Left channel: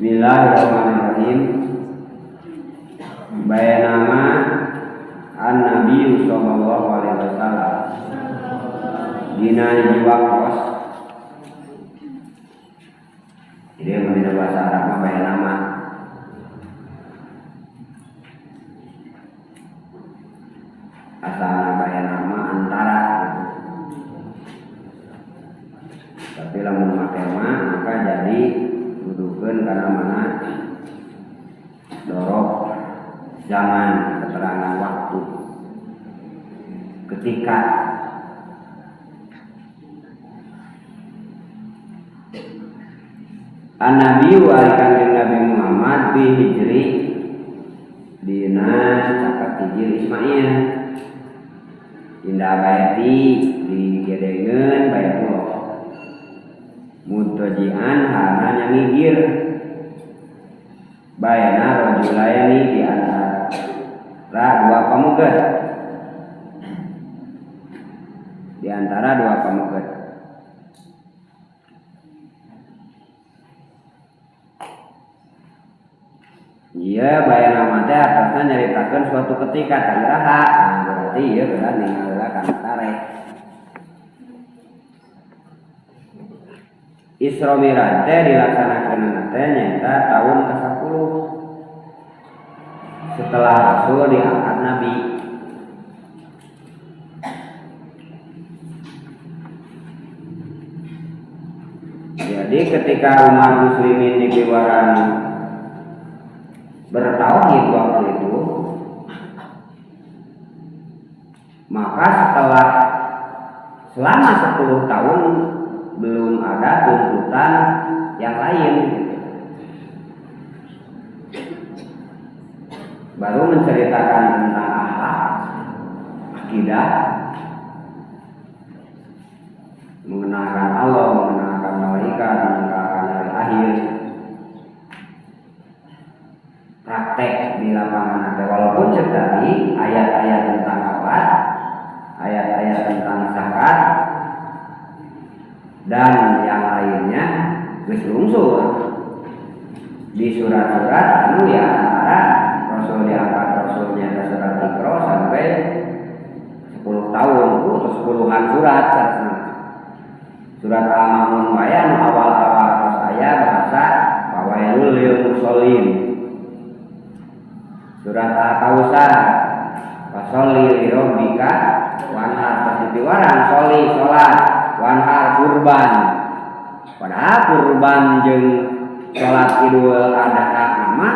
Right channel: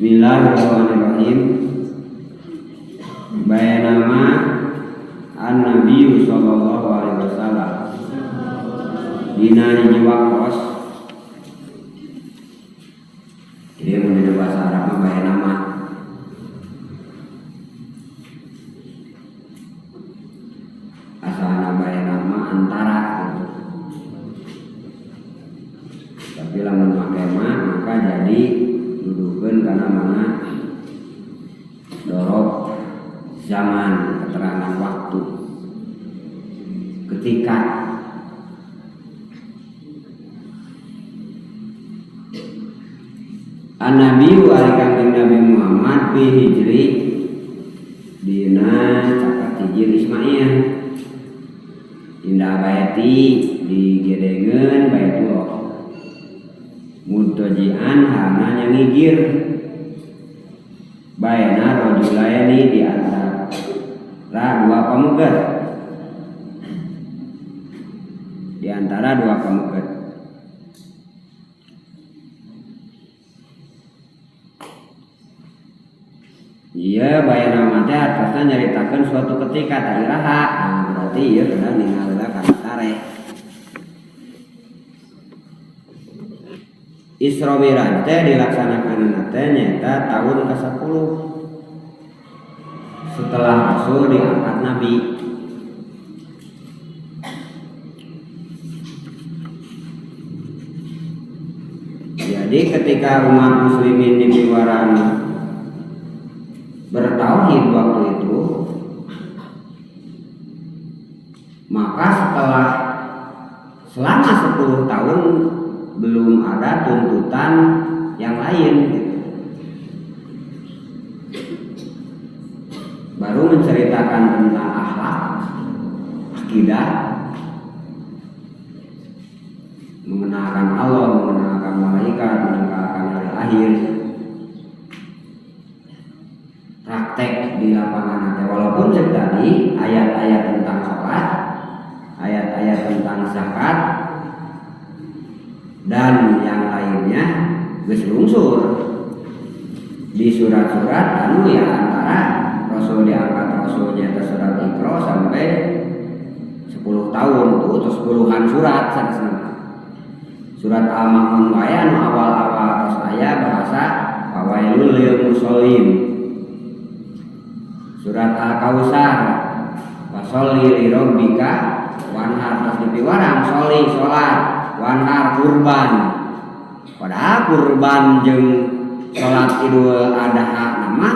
Bismillahirrahmanirrahim. Bayanama an-Nabi sallallahu alaihi wasallam dina hiji waktos. Jadi menjadi bahasa Arab mah bayanama. Asalna bayanama antara gitu. Tapi lamun make maka jadi dudukeun kana mana dorob zaman, keterangan waktu, ketika. An-Nabi wa kanjeng Nabi Muhammad bi hijri dina caket hijir Ismail indah bayati digedengeun bayatullah mutajian hana nyangigir bayana rajulayani di antara dua pamuget, di antara dua pamuget. Iya bayana mate atasnya nyaritakeun suatu ketika tariraha. Nah, berarti ieu kedah ningalna kana tareh. Isra Mi'raj teh dilaksanakeun teh nyaeta tahun ke-10 setelah Rasul diangkat Nabi. Jadi ketika umat muslimin di Biwaran bertauhid waktu itu, maka setelah selama 10 tahun belum ada tuntutan yang lain gitu. Baru menceritakan tentang akhlak, akidah, mengenalkan Allah, mengenalkan malaikat, mengenalkan hari akhir, praktek di lapangan nanti. Walaupun tadi ayat-ayat tentang sholat, ayat-ayat tentang zakat dan yang lainnya geus lungsur di surat-surat anu ya antara Rasul diangkat Rasulnya ke surat Iqra sampai 10 tahun tuh atau 10-an surat sarasna. Surat Al-Ma'un wae anu awal-awal atas aya bahasa wawailul lil musallin. Surat Al-Kautsar fasholli li rabbika wanhar, pas dipiwaran sholli salat wanhar kurban. Padahal kurban jeung salat Idul Adha nama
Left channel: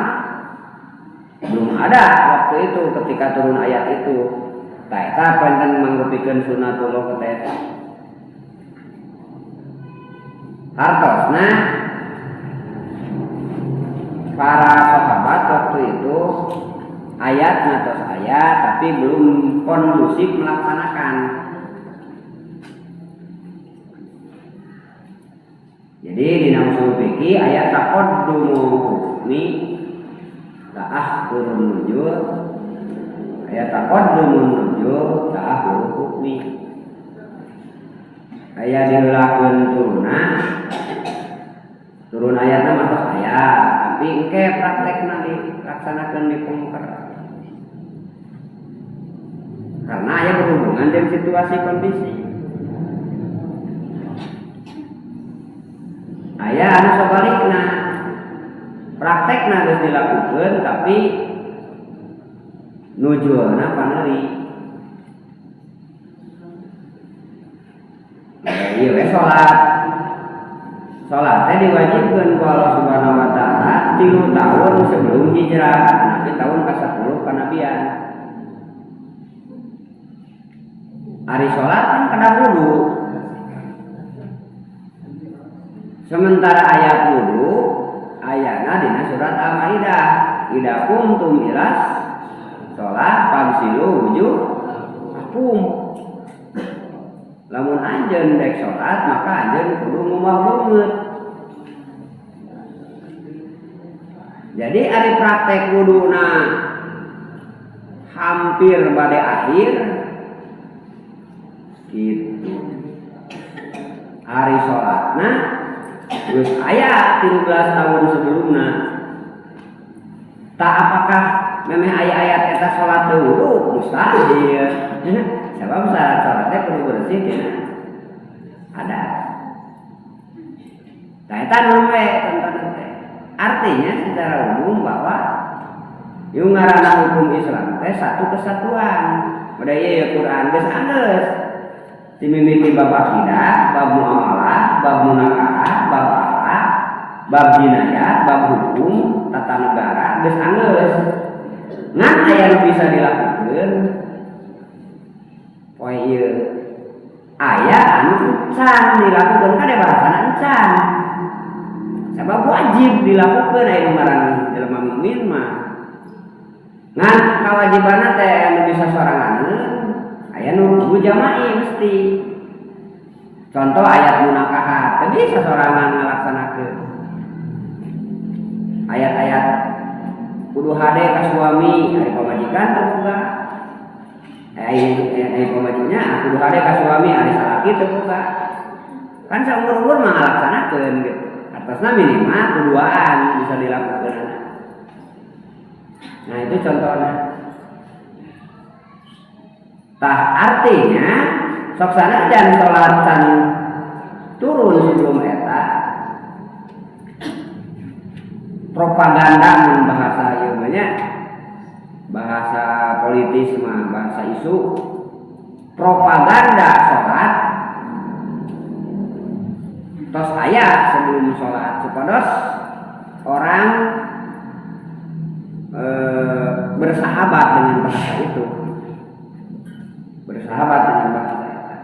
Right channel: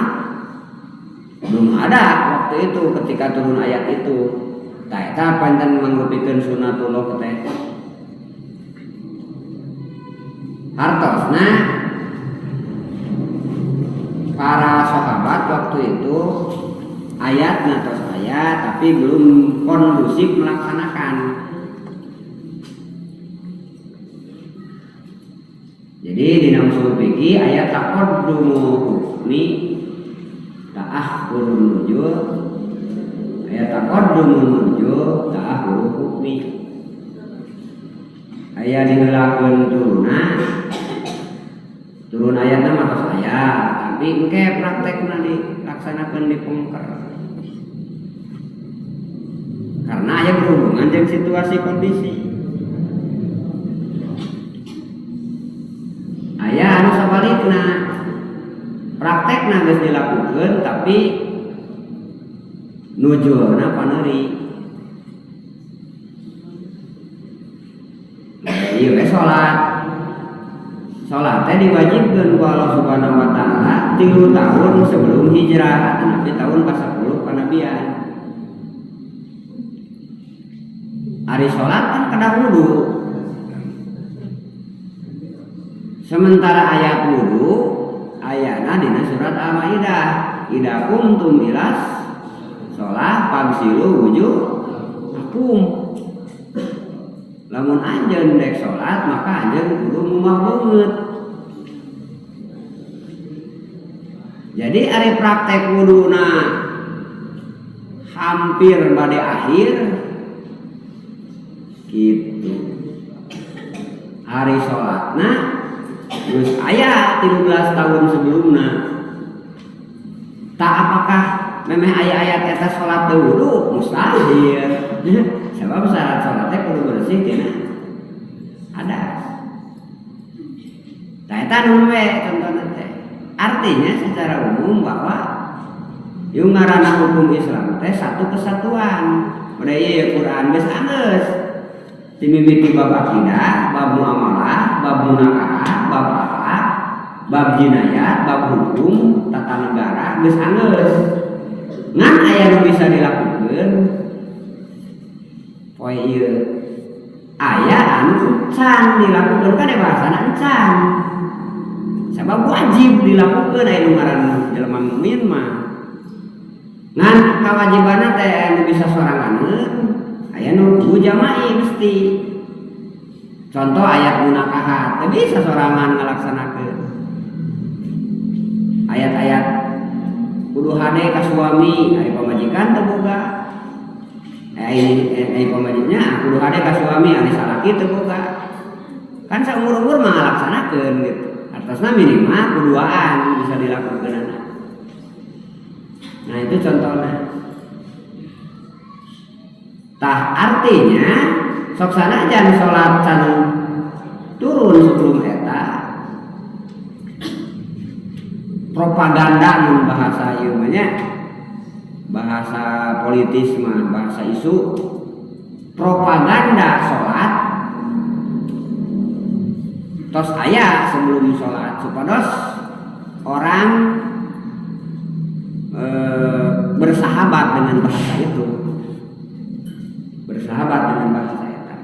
belum ada waktu itu ketika turun ayat itu. Tah eta panten mangrupikeun sunatullah eta. Hartosna para sahabat waktu itu ayatnya tos ayat tapi belum kondusif melaksanakan. Jadi di usul fikih ayat taqaddumu hukmi ta'akhurun nujul, ayat taqaddumun nujul ta'akhurun hukmi. Ayat diheulakeun turun ayatna mah tos ayat tapi engke praktekna dilaksanakeun di pengker. Karena aya berhubungan dengan situasi kondisi. Aya anu sabalikna, praktekna geus dilakukeun tapi nujulna paneuri. Ieu we salat. Salat teh diwajibkeun ku Allah Subhanahu wa taala 3 tahun sebelum hijrah, tapi tahun ke-10 kanabian. Ari salat kan kada wudu. Sementara ayat wudu ayana dina surat Al-Maidah, idza qumtum ilas shalah fagsilu wujuhakum. Lamun anjeun dek salat maka anjeun kudu ngumah beungeut. Jadi ari praktek wuduna hampir bade akhir gitu. Hari salatna geus aya 13 tahun sebelumna. tak apakah memang ayat-ayat eta salat dulu mustahil. Sebab syarat salatnya perlu bersih tidak ada. Nah eta contohnya teh. Artinya secara umum bahwa yung ngaranna hukum Islam teh satu kesatuan. Udah ya Quran geus anggeus. Dimimiti bab akidah, bab muamalah, bab munakaah, bab akhlak, bab jinayat, bab hukum, tata negara geus anggeus. Ngan aya nu bisa dilakukeun poe ieu. Aya anu can dilakukeun kada bahasana encan. Sabab wajib dilakukeun aya nu ngaran jelema mukmin mah. Ngan kawajibanna teh anu bisa soranganeun aya nu kudu jama'i mesti. Contoh ayat munakahat teu bisa sorangan ngalaksanakeun. Ayat-ayat kudu hade ka suami ari pamajikan teu boga. Ai pamajiknya kudu hade ka suami ari salaki teu boga. Kan saumur-umur mah ngalaksanakeun gitu. Atasna minimal kuduaan bisa dilakukeun. Nah itu contohnya. Tah artinya sok sanajan salat can turun sebelum eta propaganda mun bahasa ieu mah nya bahasa politis mah bahasa isu propaganda salat tos aya sebelum salat supados orang bersahabat dengan bahasa itu, bersahabat dengan bahasa itu.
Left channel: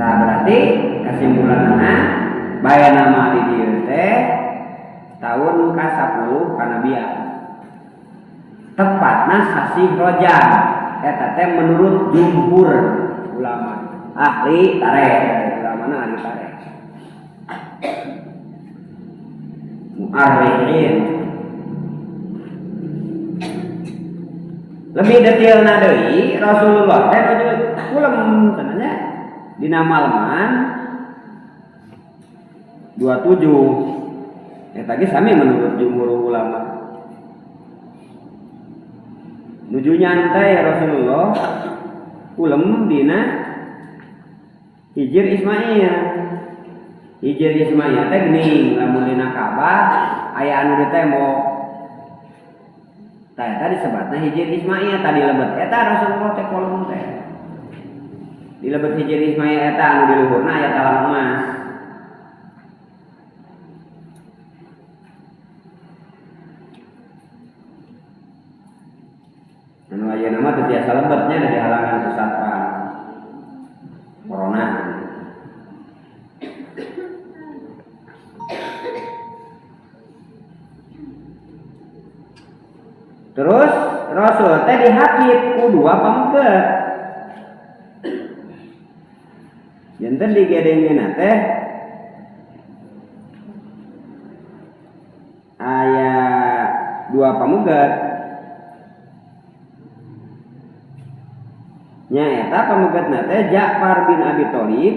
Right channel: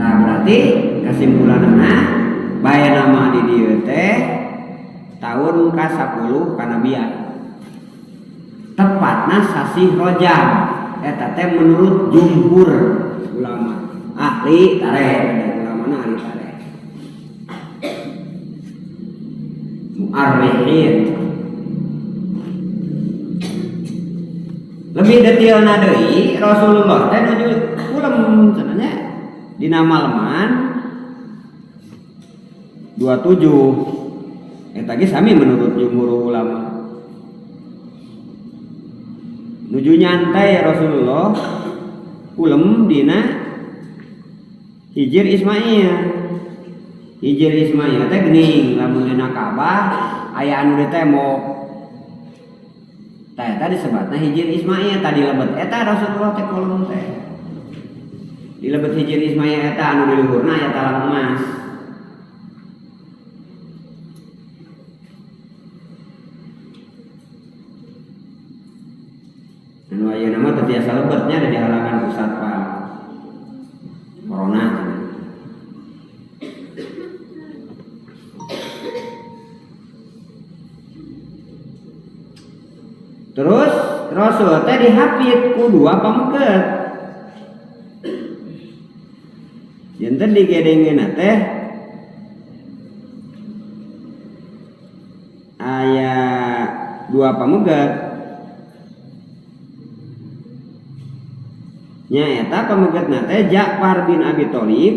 Nah berarti kesimpulanna baya nama di dieu teh tahun ka-10 kanabian. Tepatna sasi Rajab eta teh menurut jumhur ulama. Ahli tarikh, ulamana ahli tarikh. Mu'arrikhin. Lebih detailna deui Rasulullah teh nuju ulem cenanya dina malaman 27 eta ge sami menurut jumhur ulama. Nuju nyantai Rasulullah ulem dina Hijr Ismail. Hijr Ismail teh geuning lamun dina Ka'bah aya anu di tembok. Tah eta disebutna Hijr Ismail tadi lebet eta Rasulullah teh kolom teh. Di lebet Hijr Ismail eta anu di luhurna aya talang emas. Anu ayeuna mah teu tiasa lebetnya ada di halangan ku satpam. Corona. Terus Rasul teh dihapit ku dua pamengkeut. Yen teh digedengeunna teh aya dua pamengkeut. Nya eta pamengkeutna teh Ja'far bin Abi Thalib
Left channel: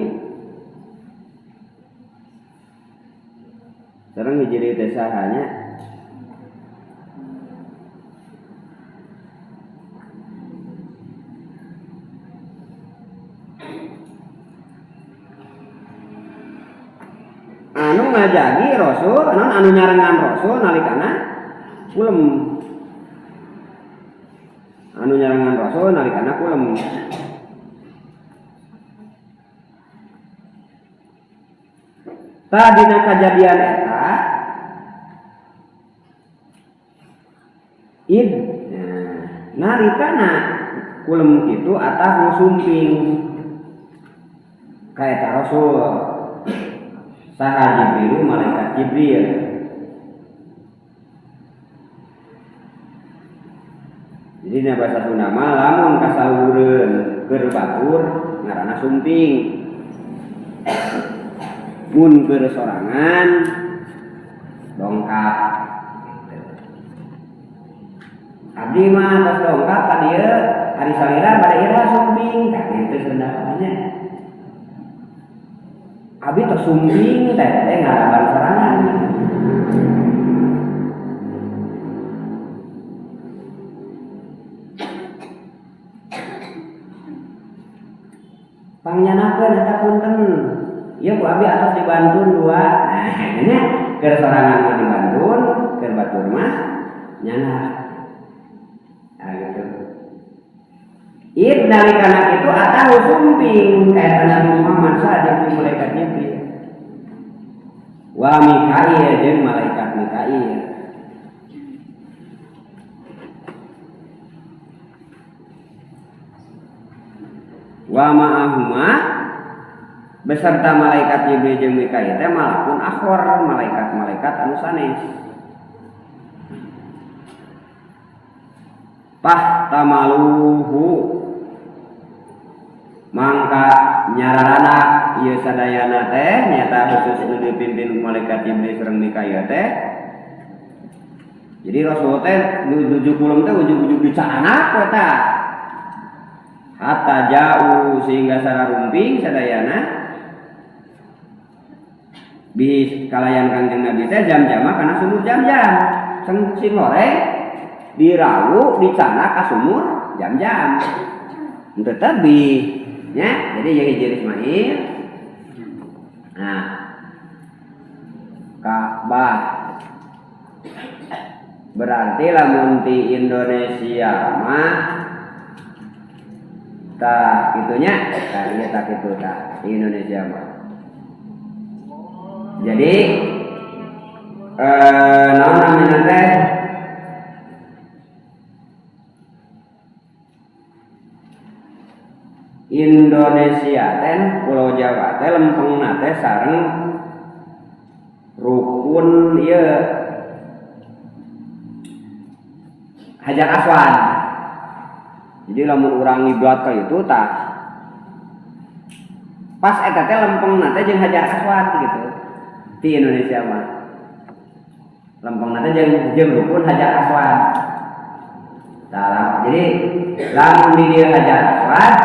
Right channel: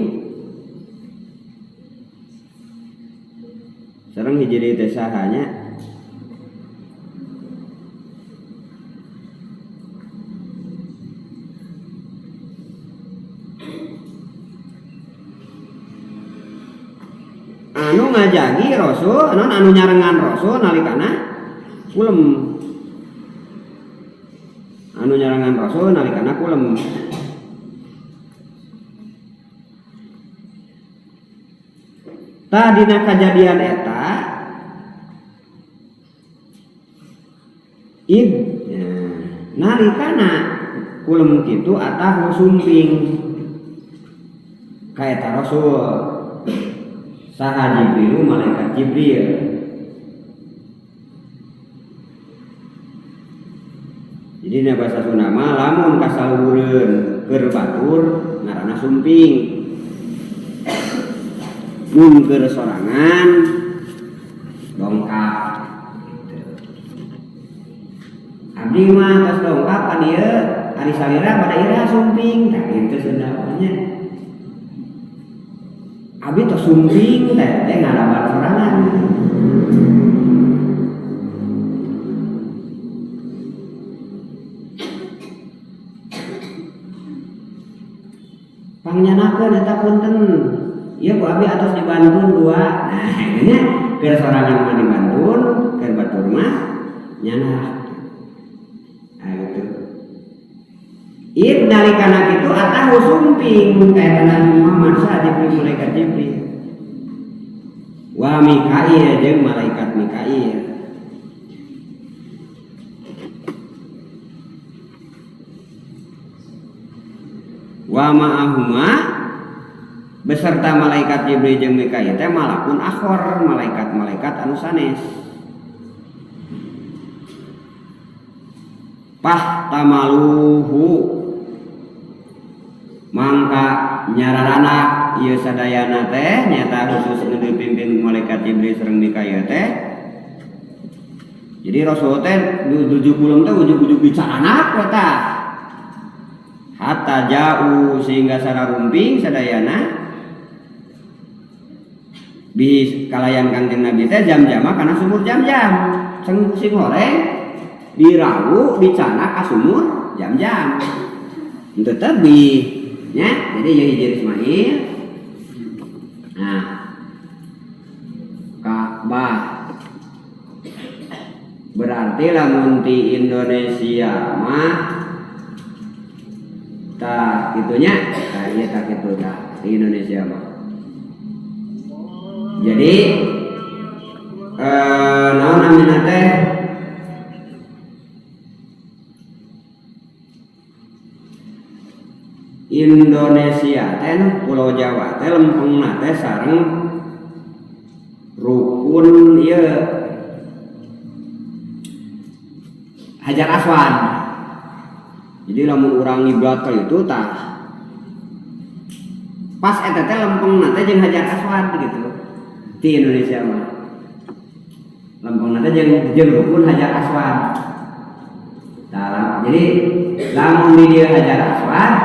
sareng hiji teh sahanya anu ngajagi Rasul, anu nyarengan Rasul nalikana kulem. Anu nyarengan Rasul nalikana kulem. Tadina kejadian eta id nalikana kulem kitu atah nu sumping ka eta Rasul. Saha Jibril malaikat Jibril. Jadi na bahasa Sunda mah lamun kasalureun keur batur ngaranna sumping. Mun keur sorangan dongkap. Abdi mah tos dongkap ka dieu ari salira bade ira sumping tah kitu Sunda nya. abi tersumbing teh ngadaban sorangan. Pangyanakeun eta punten. Ieu ku abi atos dibantun 2. Nah, nya keur sorangan mah dibantun, keur batur mah nyanak. Nah gitu. Id nalikana kitu atahu sumping kaya Nabi Muhammad sadip malaikat Jibril. Wa Mikail jeung malaikat Mikail. Wa ma'ahuma beserta malaikat Jibril jeung Mikail teh malakun akhor, malaikat-malaikat anu sanes. Pahtamaluhu mangka nyararana ieu sadayana teh nyata khusus nu dipimpin malaikat Jibril sareng Mikail teh. Jadi Rasul teh 70 teh ujug-ujug dicananak eta. Hatta jauh sehingga sararumping sadayana bi kalayan Kangjeng Nabi teh jam-jama kana sumur jam-jam. Sing horeng dirawu dicanak ka sumur jam-jam. Henteu tebih nya, jadi ya hijir Ismail. Nah, Ka'bah berarti lamun di Indonesia mah tak gitunya, iya tak gitu tak di Indonesia mah. Jadi naon namina teh Indonesia teh Pulau Jawa teh lempengna teh sareng rukun ieu Hajar Aswad. Jadi lamun urang ngiblat ka itu tah pas eta teh lempengna teh jeung Hajar Aswad gitu. Di Indonesia mah lempengna teh jeung rukun Hajar Aswad. Tah jadi lamun di dieu Hajar Aswad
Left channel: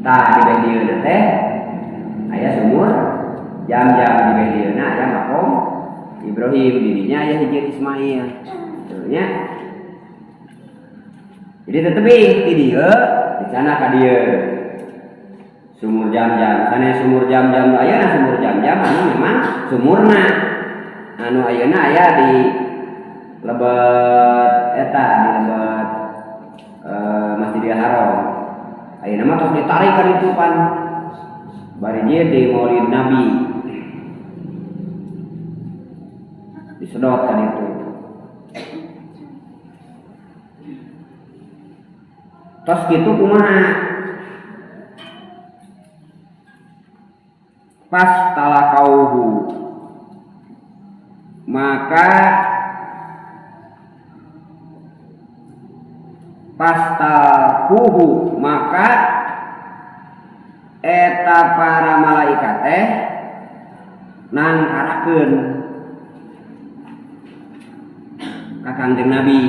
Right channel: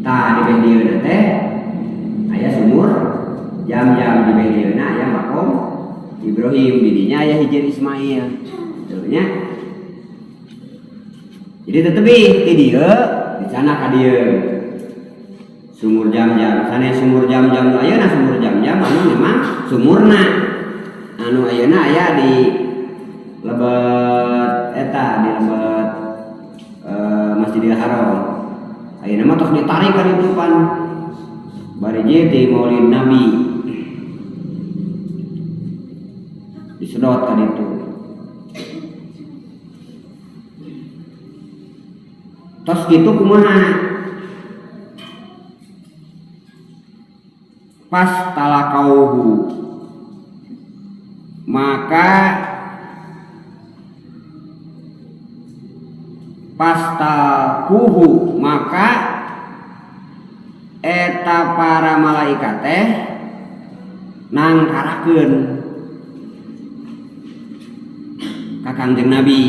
tah di bendieuna teh aya sumur jam-jam di bendieuna aya makom Ibrahim, didinya aya hijir Ismail. Nya. Jadi tetepi ti dieu di sana ka dieu. Sumur jam-jam, sanes sumur jam-jam ayeuna sumur jam-jam anu memang sumurna. Anu ayeuna aya di lebet eta di lebet Masjidil Haram. Ayeuna mah tos ditarik ka ditu pan bari ieu di Maulid Nabi. Disedot ka ditu. Tos kitu kumaha? Pas talakauhu maka pastakuhu maka eta para malaikat teh nangkarakeun ka Kangjeng Nabi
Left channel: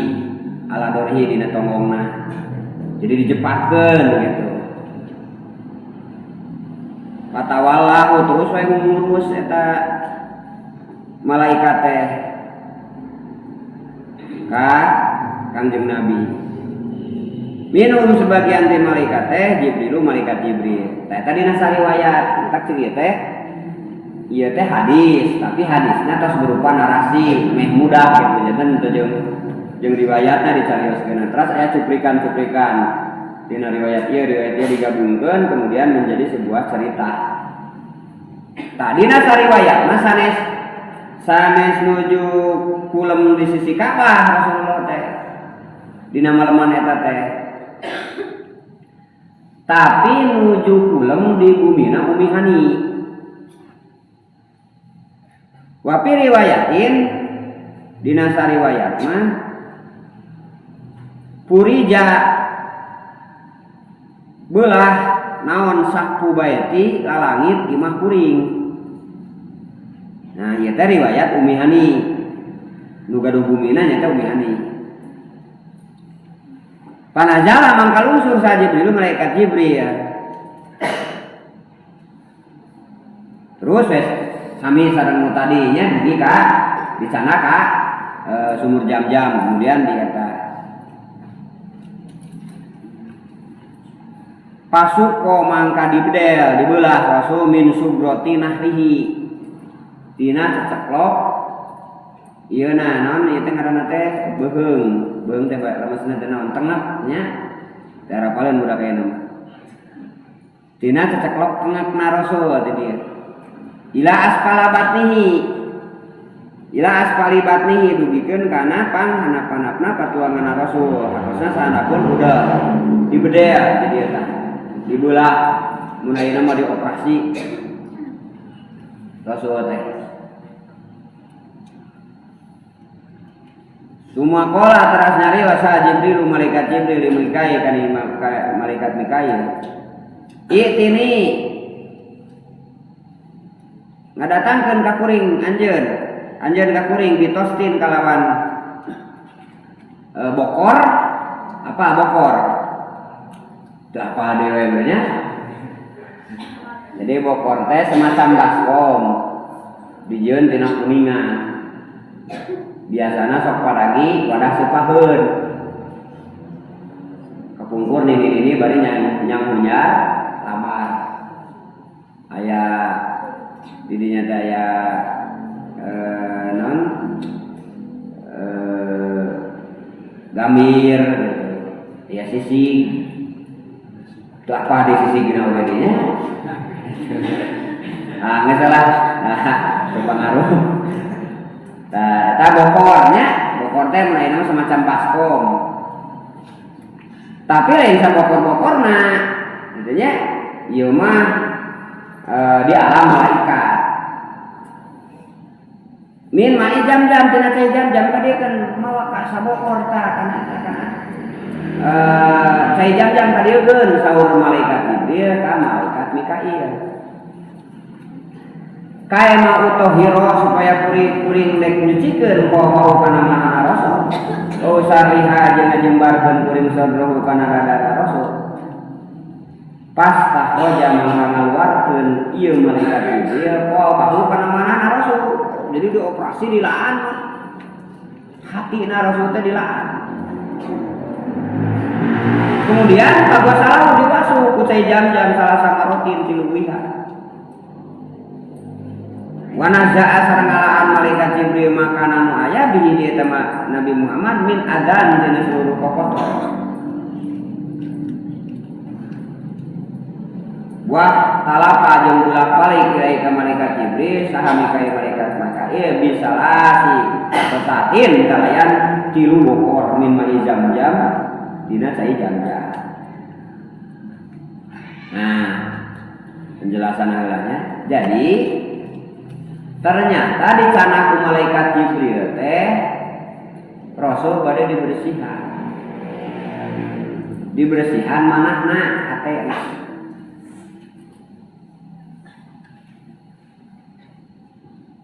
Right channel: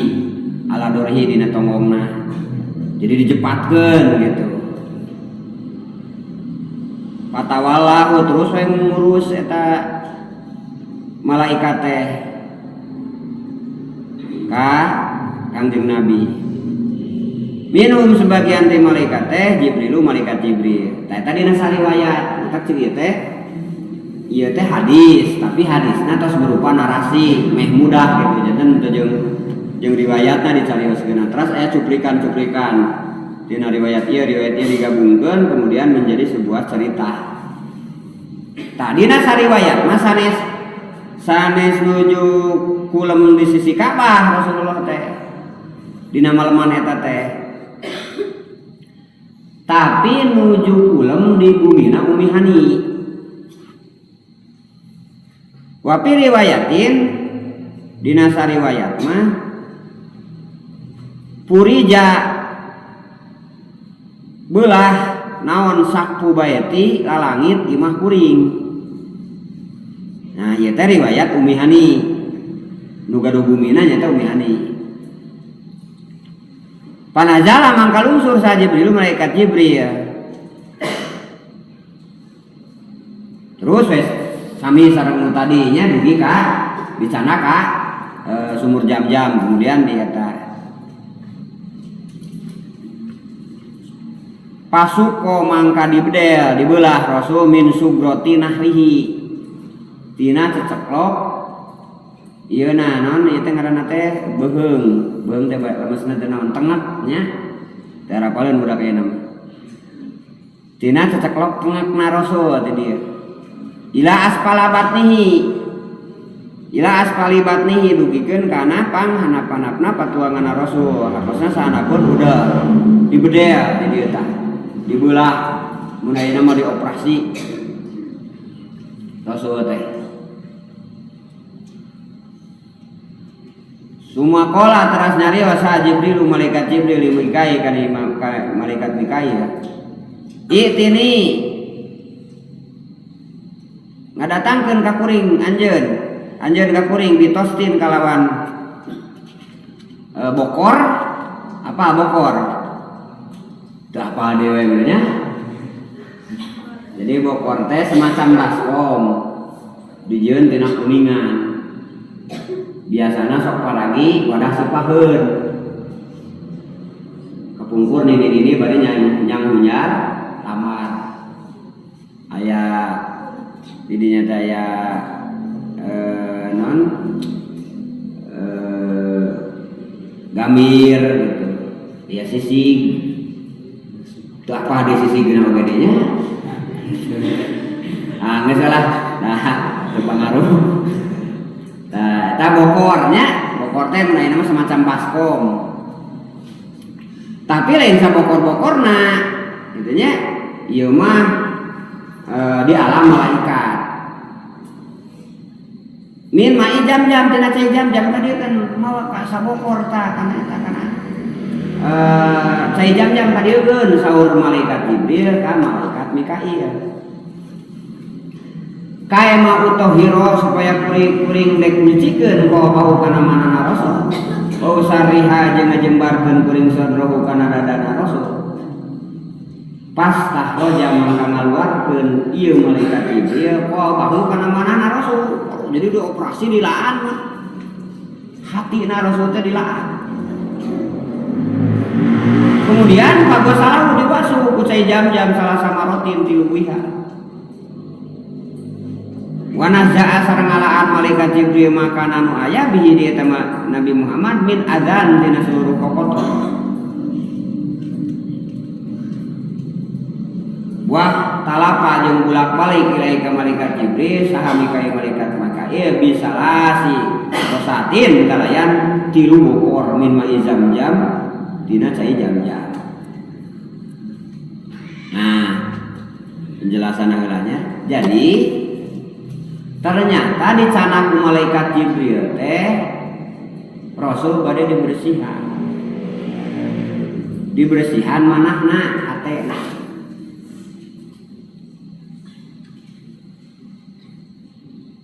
ala dorhi dina tonggongna. Jadi dijepatkeun gitu. Patawallahu terus we ngurus eta malaikat teh ka Kangjeng Nabi. Minum sebagian teh malaikat teh Jibrilu malaikat Jibril. Tah eta dina sariwayat, tak ceuk teh ieu teh hadis, tapi hadisna tos berupa narasi meh mudah gitu. Janten jeung riwayatna dicarioskeun. Terus aya cuplikan-cuplikan dina riwayat ieu digabungkeun kemudian menjadi sebuah cerita. Tah dina sariwayat mah sanes nuju kulem di sisi Ka'bah Rasulullah teh. Dina maleman eta teh. Tapi nuju kulem di bumina Umi Hani. Wa fi riwayatin dina sariwayat mah purija belah naon sakpu baeti ka langit imah kuring. Nah ieu teh riwayat Umi Hani. Nu gaduh bumina nya teh Umi Hani. Panazala mangka lungsur sa Jibril malaikat Jibril Terus wes sami sareng nu tadinya dugi ka dicana ka sumur Jam-Jam, kemudian di eta pasuko mangka dibedel dibelah Rasul min subroti nahrihi tina ceceklok ieu na naon ieu teh ngaranna teh beung teh lemasna teh naon tengah nya teh rapaleun budak aya nama tina ceceklok tengahna Rasul teh dia ila aspali batnihi dugikeun kana panghanap-hanapna patuangan Rasul kosna sahandapun udah dibedel teh dia tah dibelah mun ayeuna mah dioperasi Rasul teh semua kola teras nyari wasa Jibril malaikat Jibril Mikail kan malaikat Mikail itini ngadatangkeun ka kuring anjeun ka kuring bitostin kalawan bokor apa bokor itu apa dewe nya jadi bokor teh semacam baskom dijieun tina kuningan biasana sok paragi wadah supaheun kepungkur nini bari nyang hunyar lamar aya didinya teh aya gamir gitu ya sisig itu apa di sisig gina oge dinya geus salah itu pangaruh eta bokor teh mun ayeuna semacam baskom tapi lain sa bokor-bokorna gitu nya ieu mah di alam malaikat min mai Jam-Jam tina cai Jam-Jam ka dieu kan mawa ka sabokor ta kana cai Jam-Jam ka dieu geun saur malaikat Jibril ka malaikat Mikail kae ma utohiro supaya kuring-kuring dek nyucikeun bau kana manana Rasul bau sariha jeung ngajembarkeun kuring sadrohu kana dadana Rasul pas tahroja mangka ngaluarkeun ieu malaikat Jibril bau kana manana Rasul jadi dioperasi dilaan hatina Rasul teh dilaan kemudian kagak salah dibasuh ku cai Jam-Jam salah sama rotin tilu wiha wanazaa sareng ngalaan malaikat Jibril makanan aya bihi di eta Nabi Muhammad min adzan dina seluruh kokotor wah talapa jeung bulak-balik ilai ka malaikat Jibril saha Mikail malaikat Mikail bisalasi rosatin kalayan tilu bokor min mai Jam-Jam dina cai Jam-Jam. Nah, penjelasan heulanya. Jadi ternyata di cana ku malaikat Jibril teh Rasul bade dibersihan manahna hatena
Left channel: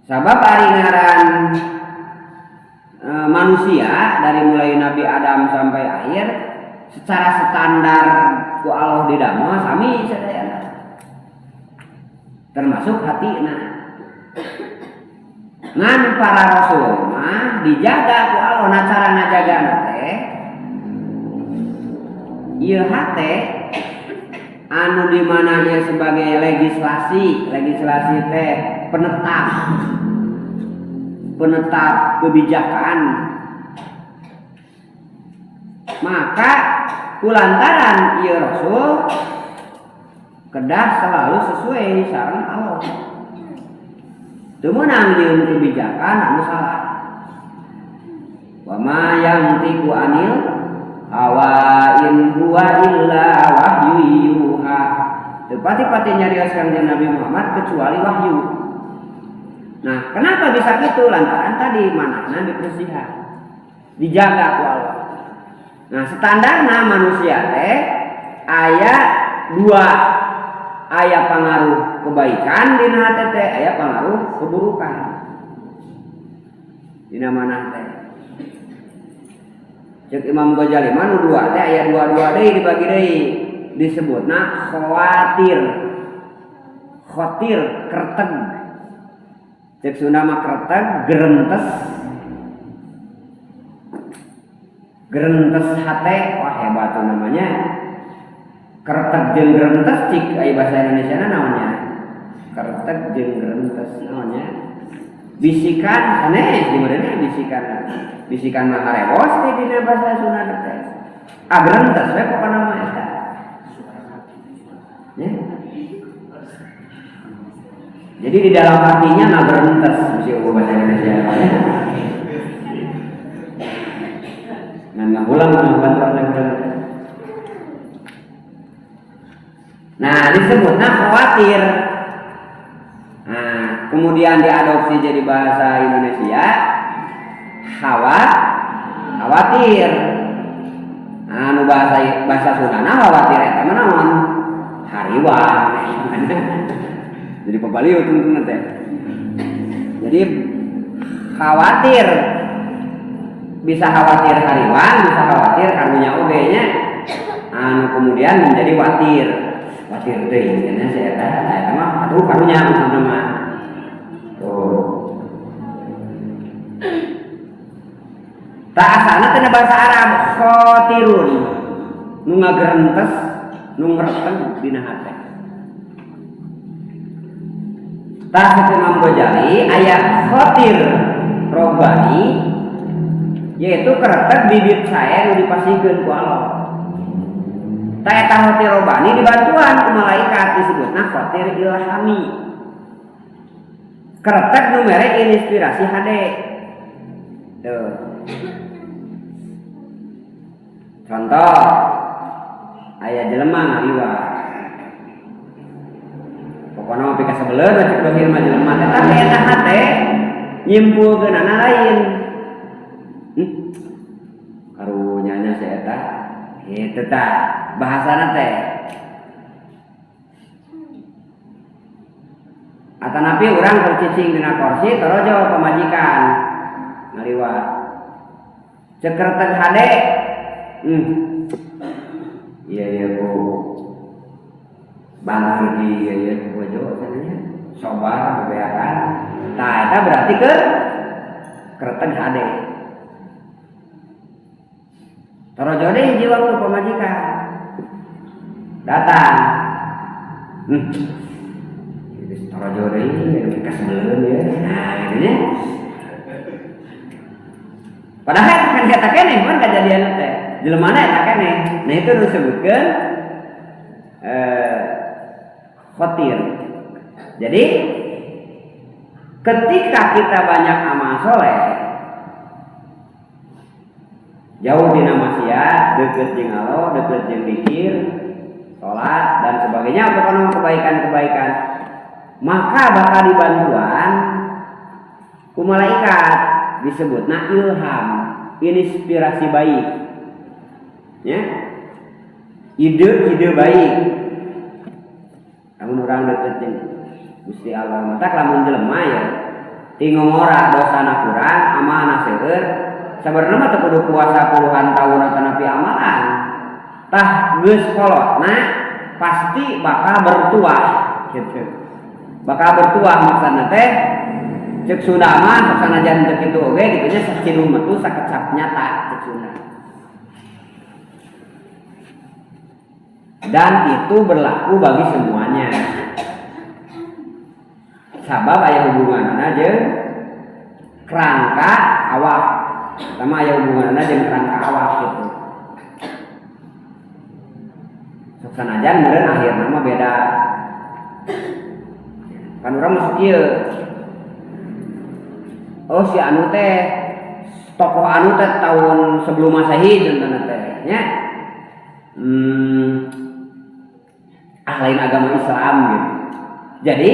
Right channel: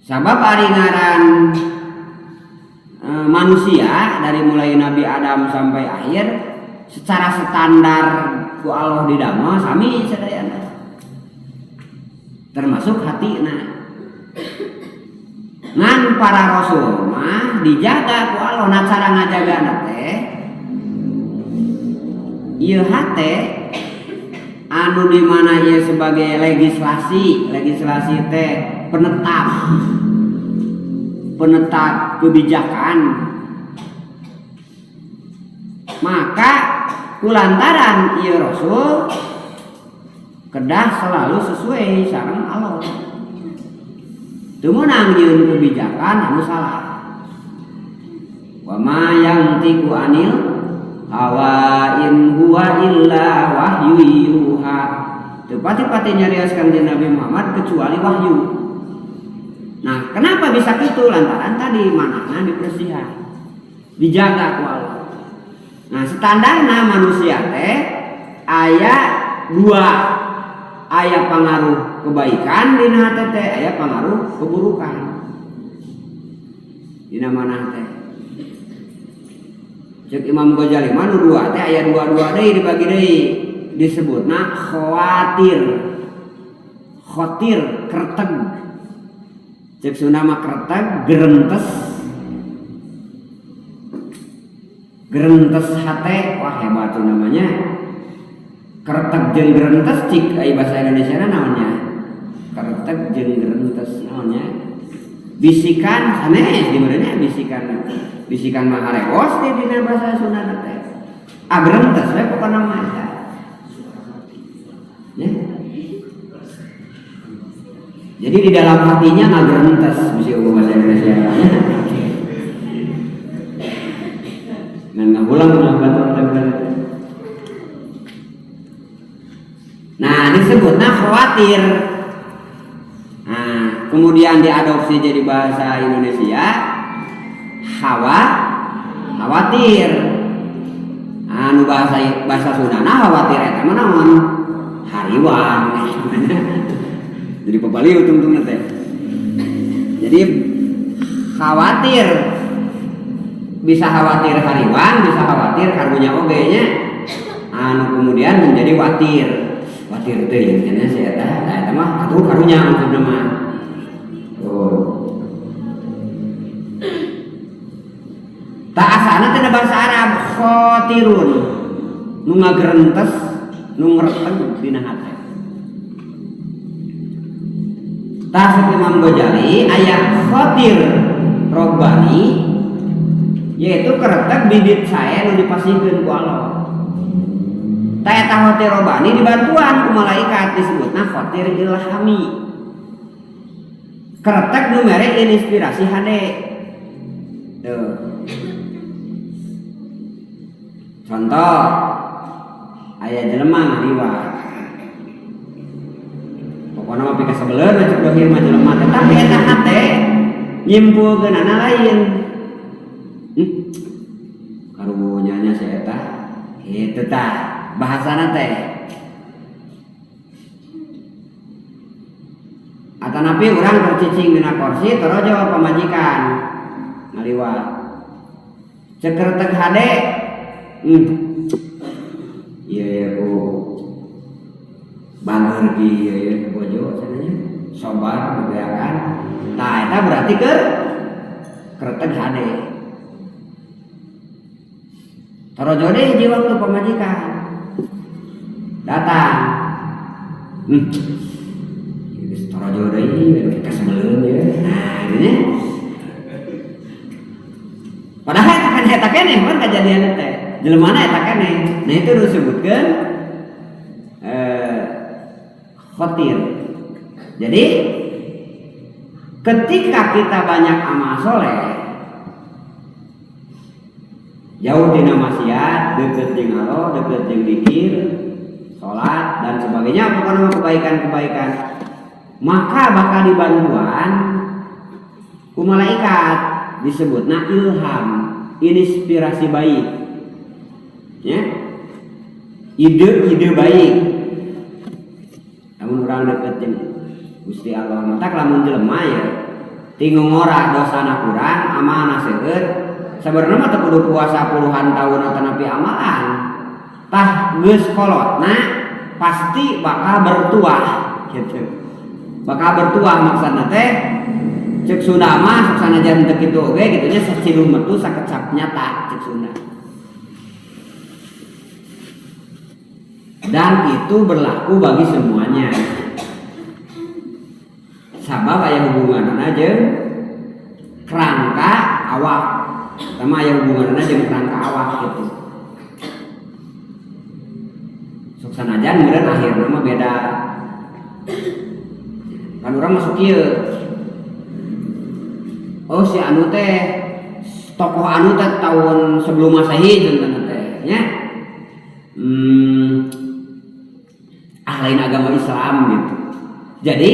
sabab ari ngaran manusia dari mulai Nabi Adam sampai akhir secara standar ku Allah didamel sami sadayana termasuk hatina ngan para rasul mah dijaga ku Allah na cara ngajagana teh ieu hate anu di mana ieu sebagai legislasi teh penetap kebijakan maka kulantaran ieu rasul kedah selalu sesuai sareng Allah teu meunang nyieun kebijakan anu salah wa ma yantiqu anil hawa in huwa illa wahyu yuha teu pati-pati nyarioskeun jeung Nabi Muhammad kecuali wahyu. Nah, kenapa bisa gitu? Lantaran tadi manahna dibersihan, dijaga ku Allah. Nah, standarna manusia teh aya dua, aya pengaruh kebaikan dina hate teh, aya pengaruh keburukan. Dina manah teh. Cek Imam Ghazali mah nu dua teh aya dua-dua deui dibagi deui disebutna khawatir. khotir kerteg cek Sunda mah kerteg gerentes hate wah hebat tuh namanya kerteg jeung gerentes cik ai bahasa Indonesia namanya kerteg jeung gerentes namanya bisikan sanes di mana bisikan mah harewos di dina bahasa Sunda teh gerentes we pokona mah eta ya. Jadi di dalam hatinya gerentes bisa bahasa Indonesia namanya nggak pulang nah disebutnya khawatir. Nah kemudian diadopsi jadi bahasa Indonesia khawatir. Nah nu bahasa Sundana khawatir eta mah naon hariwang jadi pepaliu tungtung teh. Jadi khawatir bisa khawatir hariwang, bisa khawatir karunya oge nya. Kemudian menjadi watir teh intinya saya eta mah atuh karunya maksudna mah. Tak asana teh bahasa Arab khotirun nu ngagerentes nu ngreteg dina hate. Tah Imam Ghazali aya khotir robbani yaitu keretek bibit saya nu dipasihkeun ku Allah. Ta eta khotir robbani dibantuan ku malaikat disebutna khotir ilhami. Keretek nu mere inspirasi hade. Tuh. Contoh aya jelema ngaliwat. Pokona mah pika sabeuleun cek dohir mah jelema teh tapi eta hate nyimpulkeunana lain. Karunyanya si eta kitu tah bahasana teh. Atanapi urang bercicing dina kursi torojo pamajikan ngaliwat. Cek keretek hade iya ku bangun di bojo sananya sobar bebeakan. Nah eta berarti ke keretek hade. Torojo deh hiji waktu pamajikan datang. Torojo deh pika sebeleun ya. Nah ini padahal eta keneh mun kejadian teh. Jelemana eta keneh. Nah itu disebutkeun khotir. Jadi ketika kita banyak amal soleh, jauh dina maksiat, deket jeung Allah, deket jeung zikir, salat dan sebagainya, pokoknya kebaikan-kebaikan, maka bakal dibantuan ku malaikat disebutna ilham, inspirasi baik. Ya. Ide baik. Namun orang deket jeung Gusti Allah mata lamun jelema ya tinggal ngora dosana kurang amalna seueur sabarna mah teu kudu puasa puluhan tahun atau napi amalan tah geus kolotna pasti bakal bertuah gitu. Bakal bertuah maksudna teh cek Sunda mah sanajan teu kitu oge gitunya sacidung metu sakecap nyata cek Sunda. Dan itu berlaku bagi semuanya. Sabab aya hubunganna jeung kerangka awak. Pertama aya hubunganna jeung kerangka awak gitu. Sok sanajan meureun akhirna mah beda. Kan urang masuk ieu. Oh si anu teh tokoh anu teh tahun sebelum Masehi contohna teh nya. Lain agama Islam gitu. Jadi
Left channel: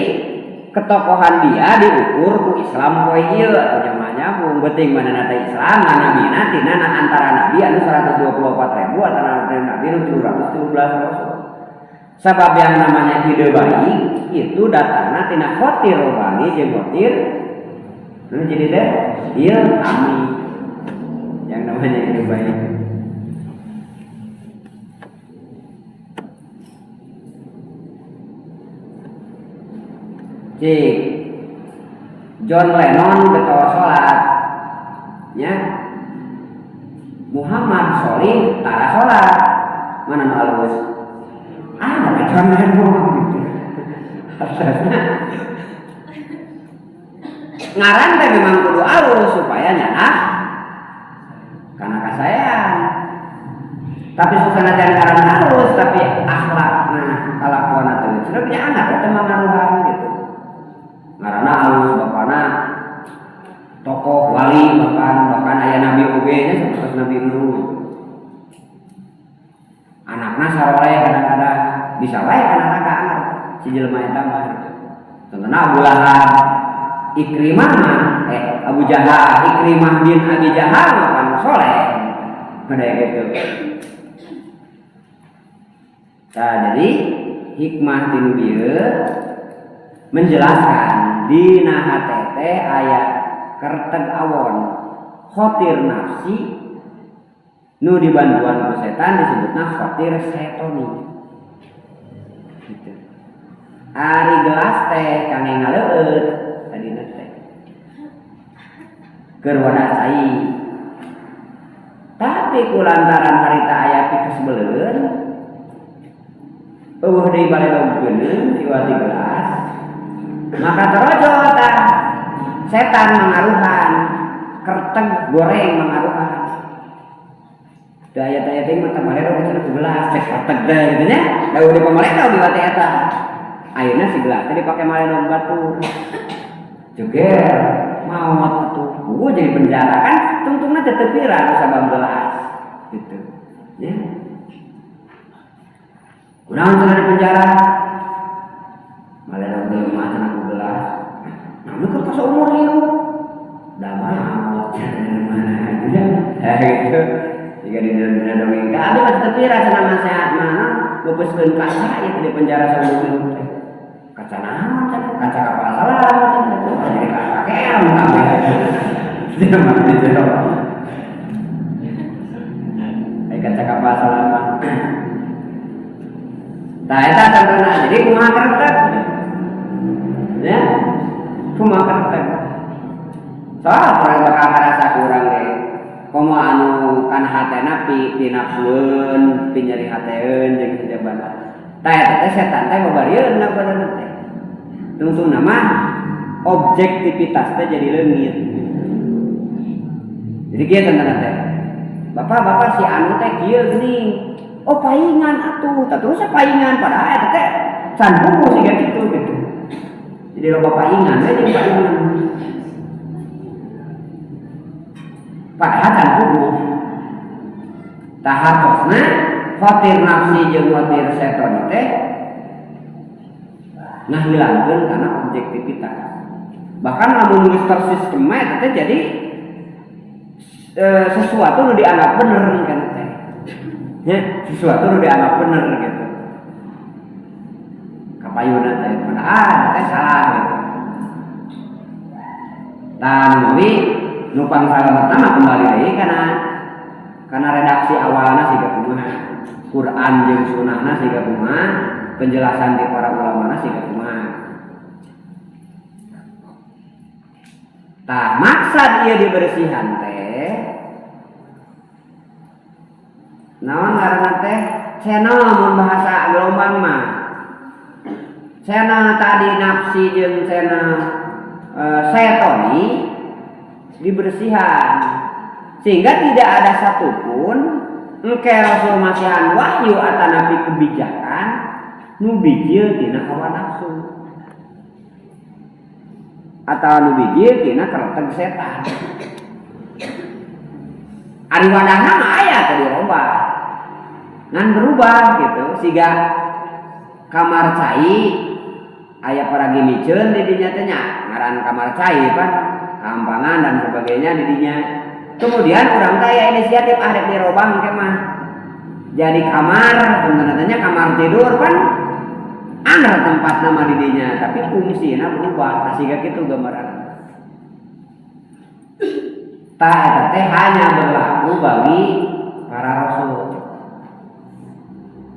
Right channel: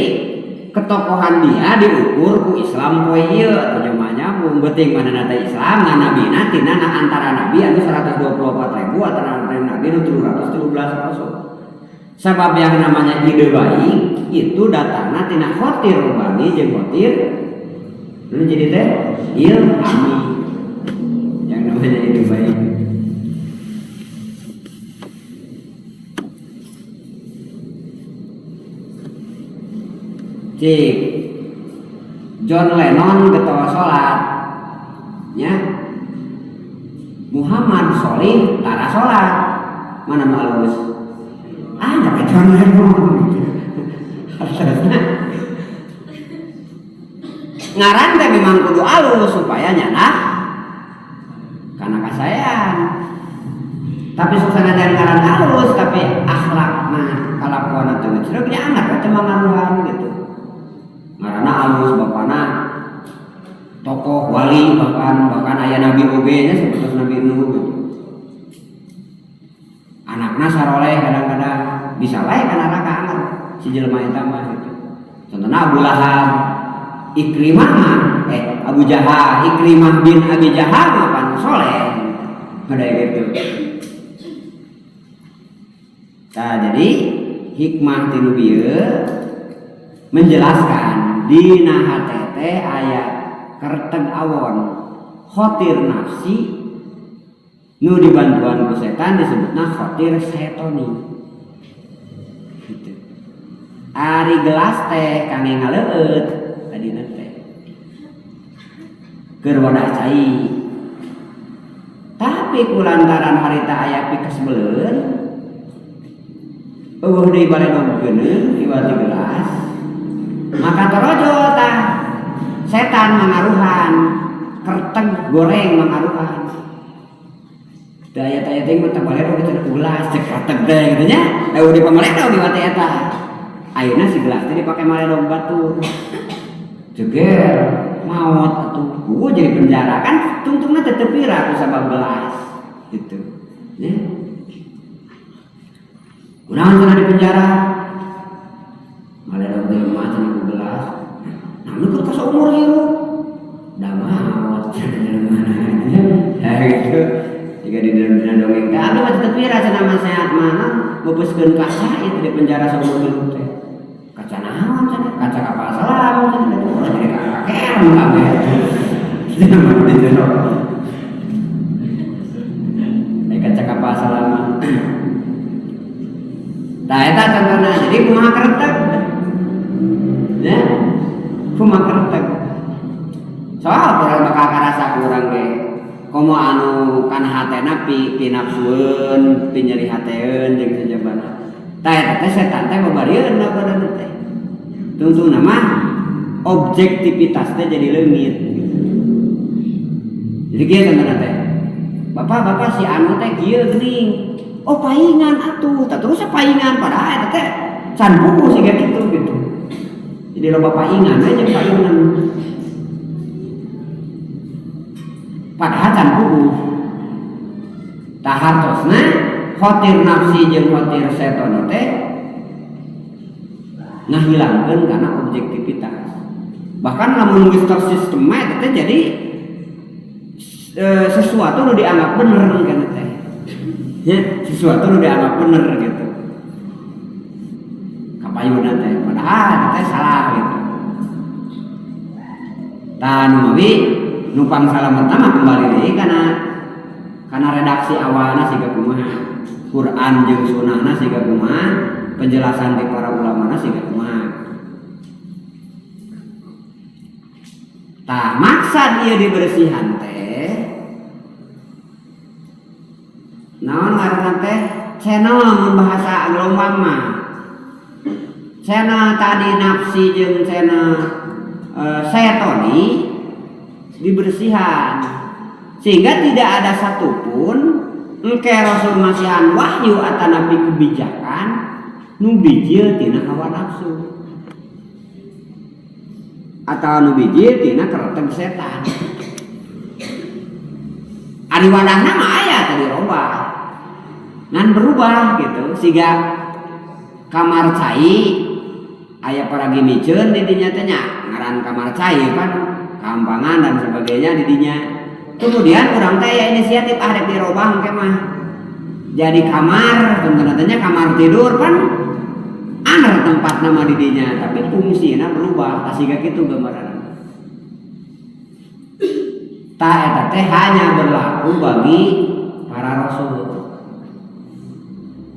ketokohan dia diukur ku Islam poe ieu atau namanya mun beuting manehna teh Islam ngan nabina tina antara nabi anu 124.000 atau nabi anu 313 rasul. Sabab yang namanya ide baik itu datangna tina khotir robbani jeung khotir nu jadi teh ilhami yang namanya ide baik. cik John Lennon getoa salat nya Muhammad Sholih tara salat mana nu halus ada John Lennon ngaran teh memang kudu halus supaya nyana karena kasayan tapi susana jangan ngaran halus tapi akhlakna kalakuan teh ceuk nya anak teh mangaruhan gitu ngaranna halus bapana tokoh wali bahkan aya nabi oge nya sapertos Nabi Nuh anakna saroleh kadang-kadang bisa bae kana ka anak si jelema eta mah gitu contohna Abu Lahab Ikrimah mah Abu Jahal Ikrimah bin Abi Jahal mah pan soleh kayak gitu. Nah, jadi hikmah tinu bieu menjelaskan dina hatete aya kerteg awon khotir nafsi nu dibantuan ku setan disebutna khotir setoni gitu. Ari gelas teh kangge ngaleueut tadina teh keur wadah cai tapi kulantaran harita aya pikeus beuleun eueuh deui baledogkeun diwati gelas maka terojol tah setan mengaruhan kerteg goreng mengaruhan daya teh mah teh baledog cenah gelas cek kerteg teh gitu nya da udah pamaledog diwati eta ayeuna si gelas teh dipake maledog batur jeger maot atuh gua jadi penjara kan tungtungna teh teu pira ku sabab gelas gitu ya kunaon cenah di penjara maledog teh mah cenah ku gelas nah nu keur saumur hirup da maot cenah mana gitu jika di dalam dongeng teh ada mah teu pira cenah masehat mana geupeuskeun kaca ieu di penjara saumur hirup teh kaca naon cenah kaca kapal selam cenah jadi kakean kabeh tidak mati teh kaca kapal selam tah eta contohna jadi kumaha kerteg ya kumaha kerteg soal orang bakal karasa kurang deh komo anu kana hatena pi nafsueun pi nyeri hateun jeung sajabana tah eta teh setan teh babarieun na badanna teh tungtungna mah objektivitas teh jadi leungit jadi kieu contohna teh bapak si anu teh kieu geuning oh paingan atuh tah terus paingan padahal eta teh can puguh siga kitu gitu jadi loba paingan aja jeung paingan padahal can puguh tah hartosna khotir nafsi jeung khotir setan teh ngahilangkeun kana objektivitas bahkan lamun geus tersistem eta teh jadi sesuatu nu dianggap bener kana teh ya sesuatu nu dianggap bener gitu kapayuna teh padahal teh salah gitu tah nu mawi nupang salam pertama kembali deui kana redaksi awalna siga kumaha Quran jeung sunnahna siga kumaha penjelasan ti para ulamana siga kumaha tah maksud ieu dibersihan teh naon ngaranna teh cenah mun bahasa gelombang mah cenah tadi nafsi jeung cenah setoni dibersihan sehingga tidak ada satupun engke Rasul masihan wahyu atanapi kebijakan nu bijil tina hawa nafsu atau nu bijil tina kerteg setan ari wadahna mah aya teh dirobah ngan berubah gitu siga kamar cai aya paragi miceun di dinya teh nya ngaran kamar cai kan kampangan dan sebagainya di dinya kemudian urang teh aya inisiatif arek dirobah engke mah jadi kamar tentunya kamar tidur kan anger tempat nama di dinya tapi fungsina berubah siga kitu gambaran tah eta teh hanya berlaku bagi para rasul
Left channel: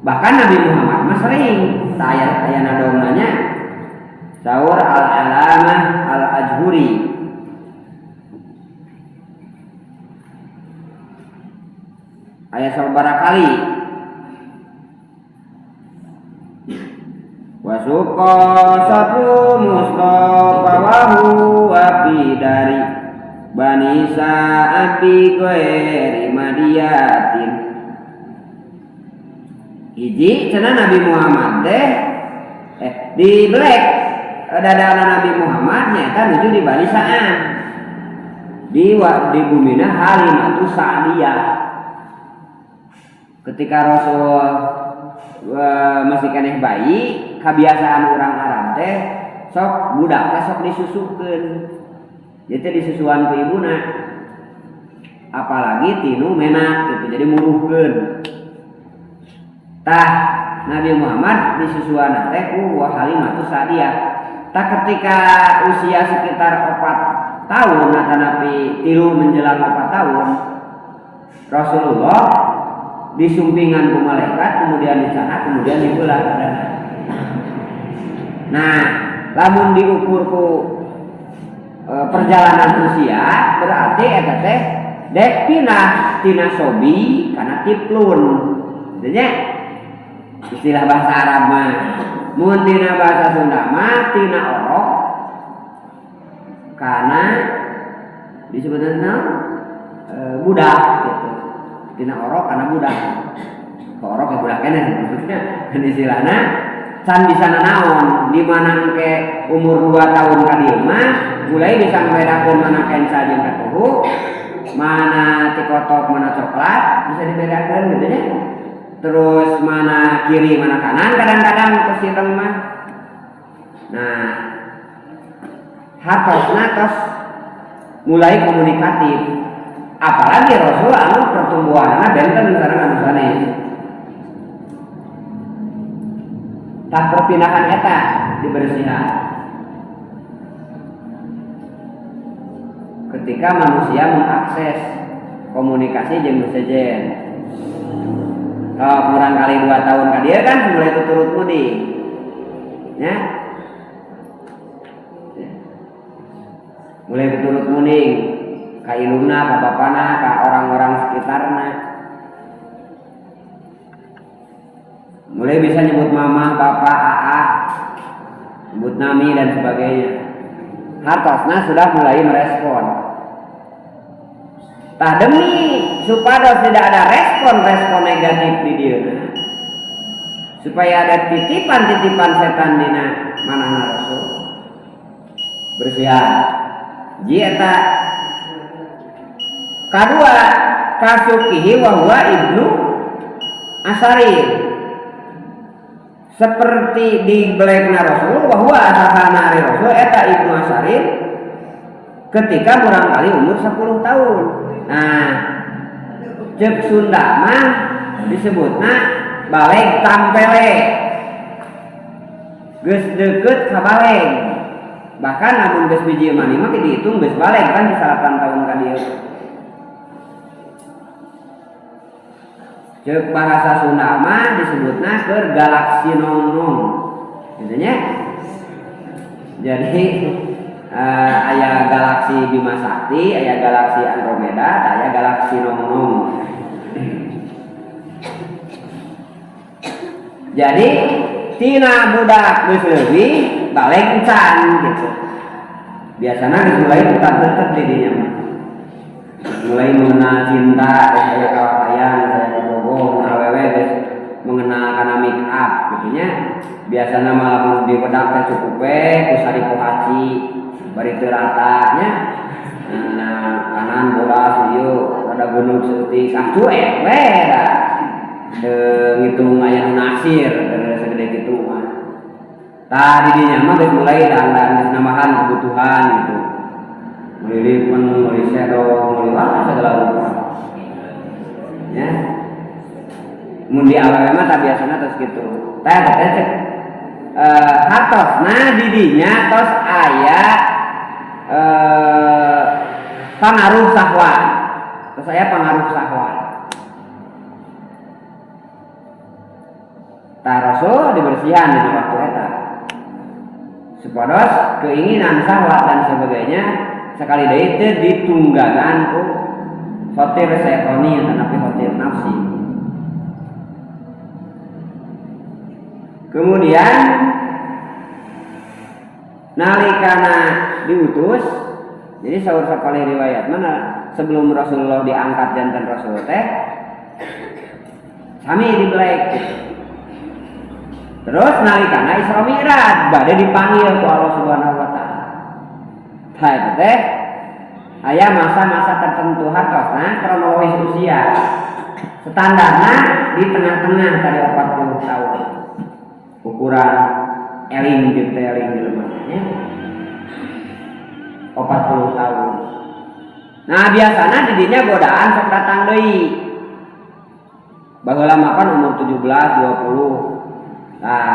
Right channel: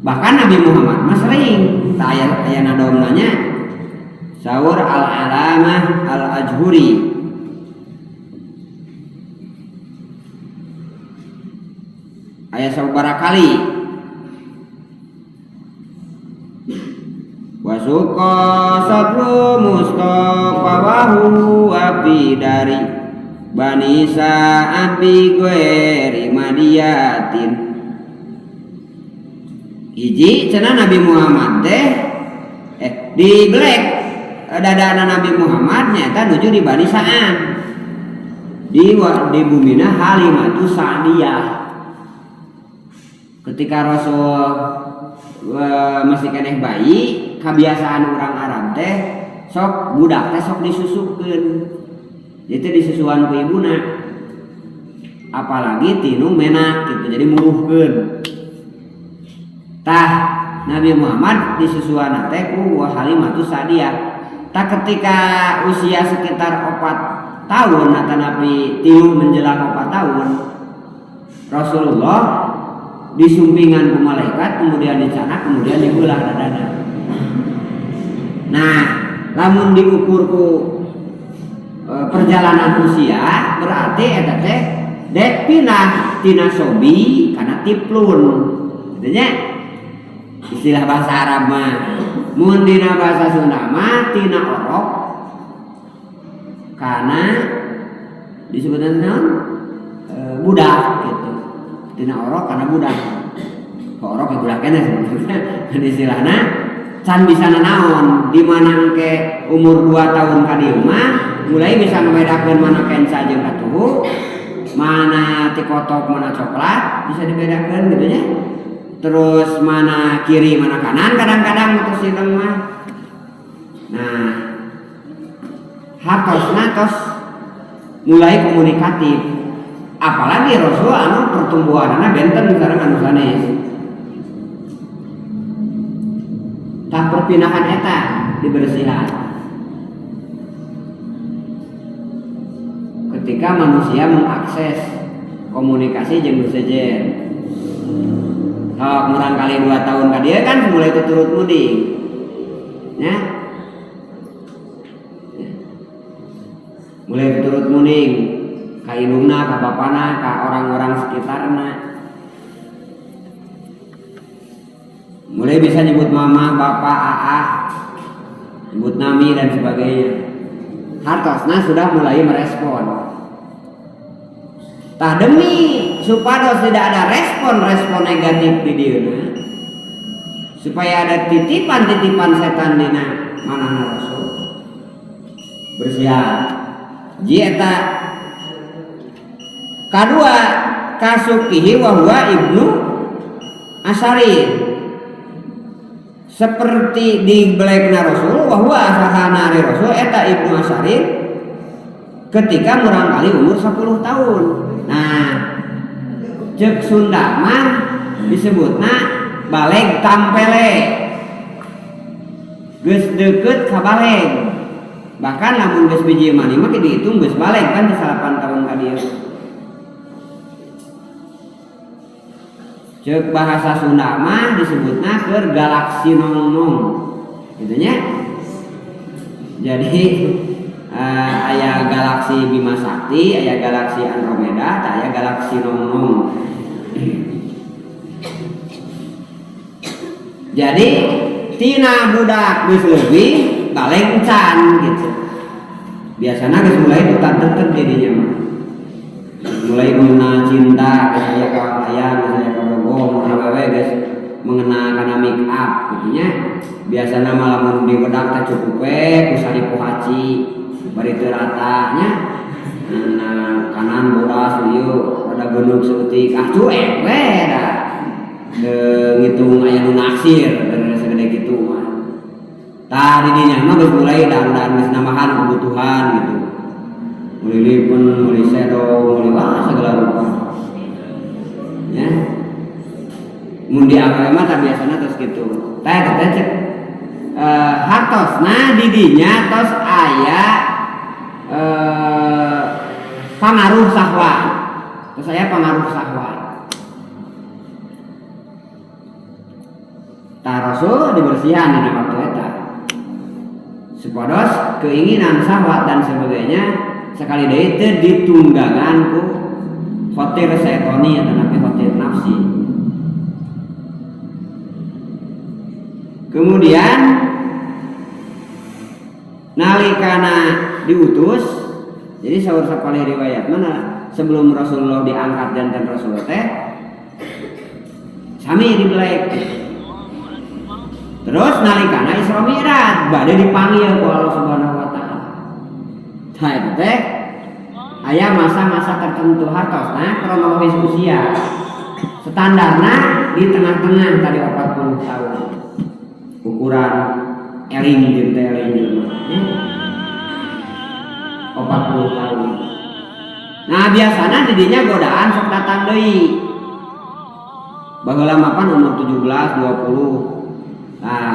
bahkan Nabi Muhammad mah sering aya nadongna nya Saur Al-Alamah Al-Ajhuri. Aya sabaraha kali. Wasuqa sabru Mustafa wa huwa dari Bani Sa'abi goeri madiyatin. Hiji cenah Nabi Muhammad teh di belek dadana Nabi Muhammad nyata nuju di Bani Sa'an. Di bumina Halimatu Sa'diyah. Ketika Rasul masih keneh bayi, kebiasaan orang Arab teh sok budak teh sok disusukeun. Jadi disusuan ku ibuna. Apalagi tinu menak gitu, jadi muruhkeun. Tah Nabi Muhammad disusuan teh ku Halimatu Sa'diyah. Tah ketika usia sekitar 4 tahun atau Nabi tilu menjelang 4 tahun, Rasulullah disumpingan ku malaikat, kemudian dicana, kemudian dibelah dadana. Nah, lamun diukur ku perjalanan usia berarti eta teh dek pinah tina sobi kana tiplun. Intinya istilah bahasa Arab mah, mun dina bahasa Sunda mah tina orok kana disebutna naon? Budak gitu. Tina orok kana budak. Orok ya budak keneh maksudnya. Dan istilahna can bisa naon di mana engke umur 2 tahun ka dieu mah mulai bisa membedakan mana kensa jeung katuhu, mana tikotok, mana coklat bisa dibedakan gitu ya. Terus mana kiri mana kanan kadang-kadang terus sidang mah. Nah, hatosna tos mulai komunikatif. Apalagi Rasul anu pertumbuhanna benten misalnya anu sanes. Tah perpindahan eta dibersihan. Ketika manusia mengakses komunikasi jeung sejen. Kalau kurang kali 2 tahun ka dia kan mulai tuturut mudi. Ya. Mulai tuturut muning ka indungna, ka bapana, ka orang-orang sekitarna. Mulai bisa nyebut mama, bapak, aa, nyebut nami dan sebagainya. Hartosna sudah mulai merespon. Tah demi supaya tidak ada respon negatif di dieuna, supaya ada titipan-titipan setan dina manahna Rasul, bersihan. Jieta kadua kasukihi wa huwa ibnu Asarin, seperti di belekna Rasul wa huwa asahana ari Rasul eta ibnu Asarin ketika murang kali umur 10 tahun. Nah, cek Sunda mah disebutna baleg tampele, geus deukeut ka baleg. Bahkan lamun geus biji mani mah dihitung geus baleg kan di 8 tahun ka dieu. Cek bahasa Sunda mah disebutna keur galaksi nong-nong. Gitu nya. Jadi aya galaksi Bima Sakti, aya galaksi Andromeda, aya galaksi nong-nong. Jadi tina budak geus leuwih baleg can gitu. Biasana geus mulai tutar-tutar di dinya mah. Mulai mengenal cinta, geus aya kawayang, geus aya kagogong, awewe geus mengenal kana make up gitu nya. Biasana malah mun di wedak teh cukup we ku saripu haci bari teu rata nya. Nah, kanan bodas ieu rada geunug seutik, cuek we da. Ngitung aya nu naksir segede kitu mah. Tah di dinya mah geus mulai dandan geus nambahan kebutuhan gitu. Meuli lipen, meuli sedo, meuli segala rupa. Ya. Mun di awal mah tah biasana tos kitu. Teh cek hartosna di dinya tos aya pangaruh sahwat. Tos aya pangaruh sahwat. Tah Rasul dibersihan dina waktu eta. supados keinginan syahwat dan sebagainya sekali deui teu ditunggangan ku khotir syaitani atau napi khotir nafsi. Kemudian nalikana diutus, jadi saur sapali riwayat mana sebelum Rasulullah diangkat janten Rasul teh sami dibelek. Terus nalikana Isra Mi'raj bade dipanggil ku Allah Subhanahu wa taala. Tah eta teh aya masa-masa tertentu hartosna kronologis usia. Standarna di tengah-tengah tadi 40 tahun. Ukuran eling jeung teh eling jelema nya 40 tahun. Nah biasana di dinya godaan sok datang deui. Baheula mapan umur 17 20. Nah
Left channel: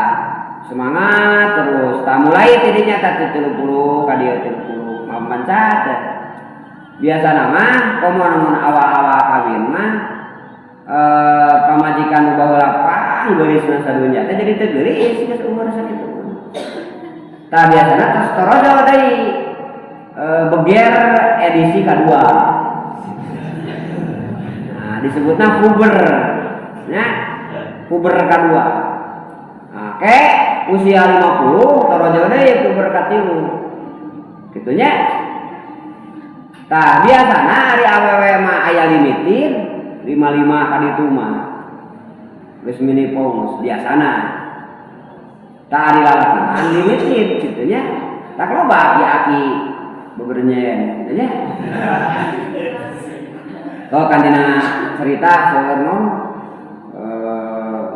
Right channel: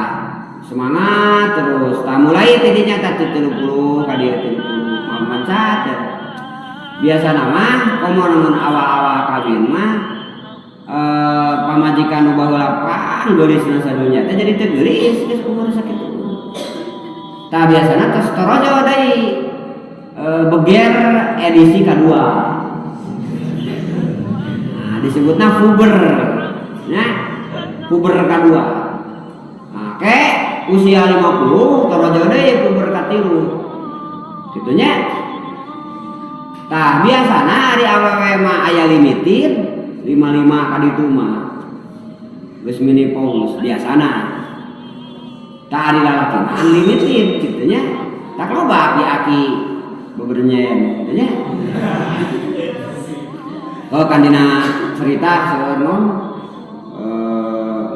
semangat terus. Tah mulai tidinya teh 30 ka dieu 30 mapan teh. Biasana mah komo awal-awal kawin mah pamajikan nu baheula geurisna sadunya teh jadi teu geuris geus umur sakitu. Tah biasana tos torojo deui beger edisi kedua. Nah disebutna puber. Ya, puber kedua. Oke, usia 50 torojo deui puber katilu. Kitu nya. Tah biasana ari awewe mah aya limitin 55 ka ditu mah. Geus menopause biasana. Tah ari lalaki mah unlimited kitu nya. Tak loba aki bebernya nya. Kalau kan dina cerita saeureun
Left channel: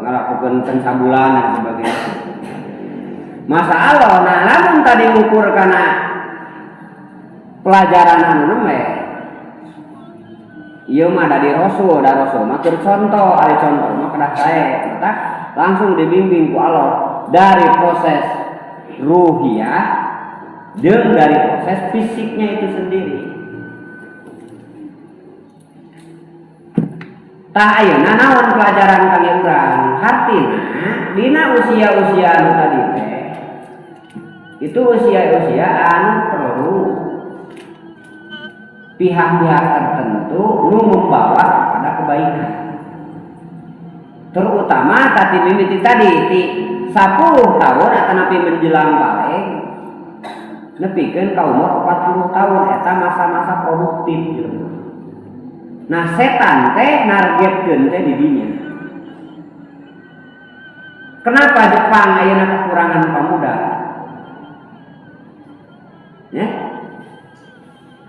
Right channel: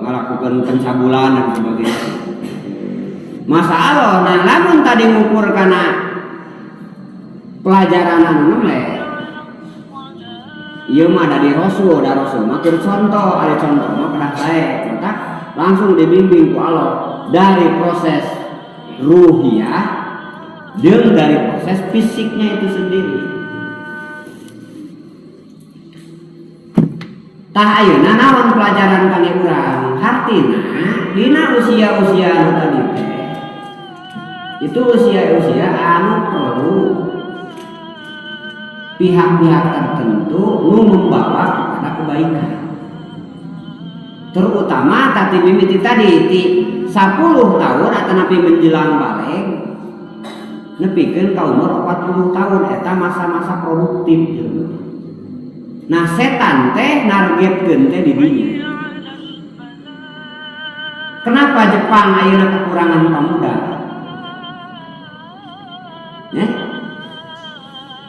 ngalakukeun pencabulan dan sebagainya. Masa Allah, nah lamun tadi ngukur kana pelajaran anu nemeh. Ieu mah dari Rasul mah keur contoh, ari contoh mah kedah sae, mata langsung dibimbing ku Allah dari proses ruhiyah jeung dari proses fisiknya itu sendiri. Tah ayeuna naon pelajaran kangge urang? Hartina dina usia-usia anu tadi teh itu usia-usia anu perlu pihak-pihak tertentu nu membawa kepada kebaikan. Terutama tadi mimiti tadi ti 10 tahun atau napi menjelang balik nepikeun ka umur 40 tahun eta masa-masa produktif gitu. Nah setan teh nargetkeun teh di dinya. Kenapa Jepang ayeuna kekurangan pemuda? Ya?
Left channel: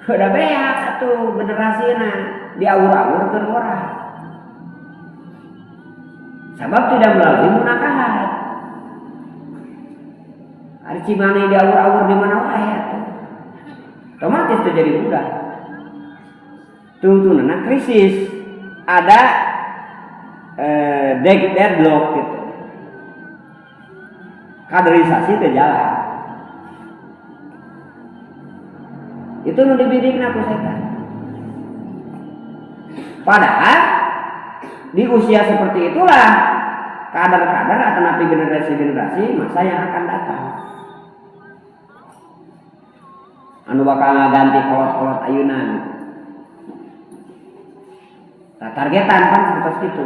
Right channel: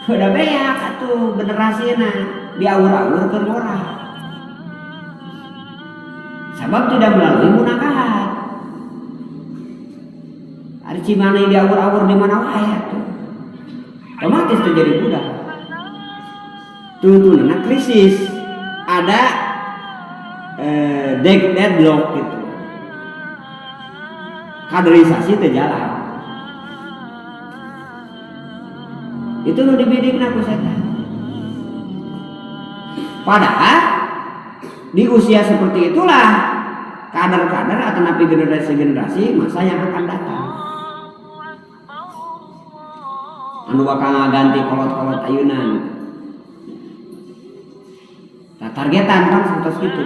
Udah beak atuh generasina diawur-awur keur orang. Sebab tidak melalui munakahat. Ari cimani diawur-awur di mana wae atuh. Otomatis tuh jadi budak. Tuh krisis. Ada deadlock gitu. Kaderisasi teh jalan. Itu nu dibidikna ku setan. Padahal di usia seperti itulah kadar-kadar atau napi generasi-generasi masa yang akan datang. Anu bakal ganti kolot-kolot ayeuna. Nah, targetan kan seperti itu.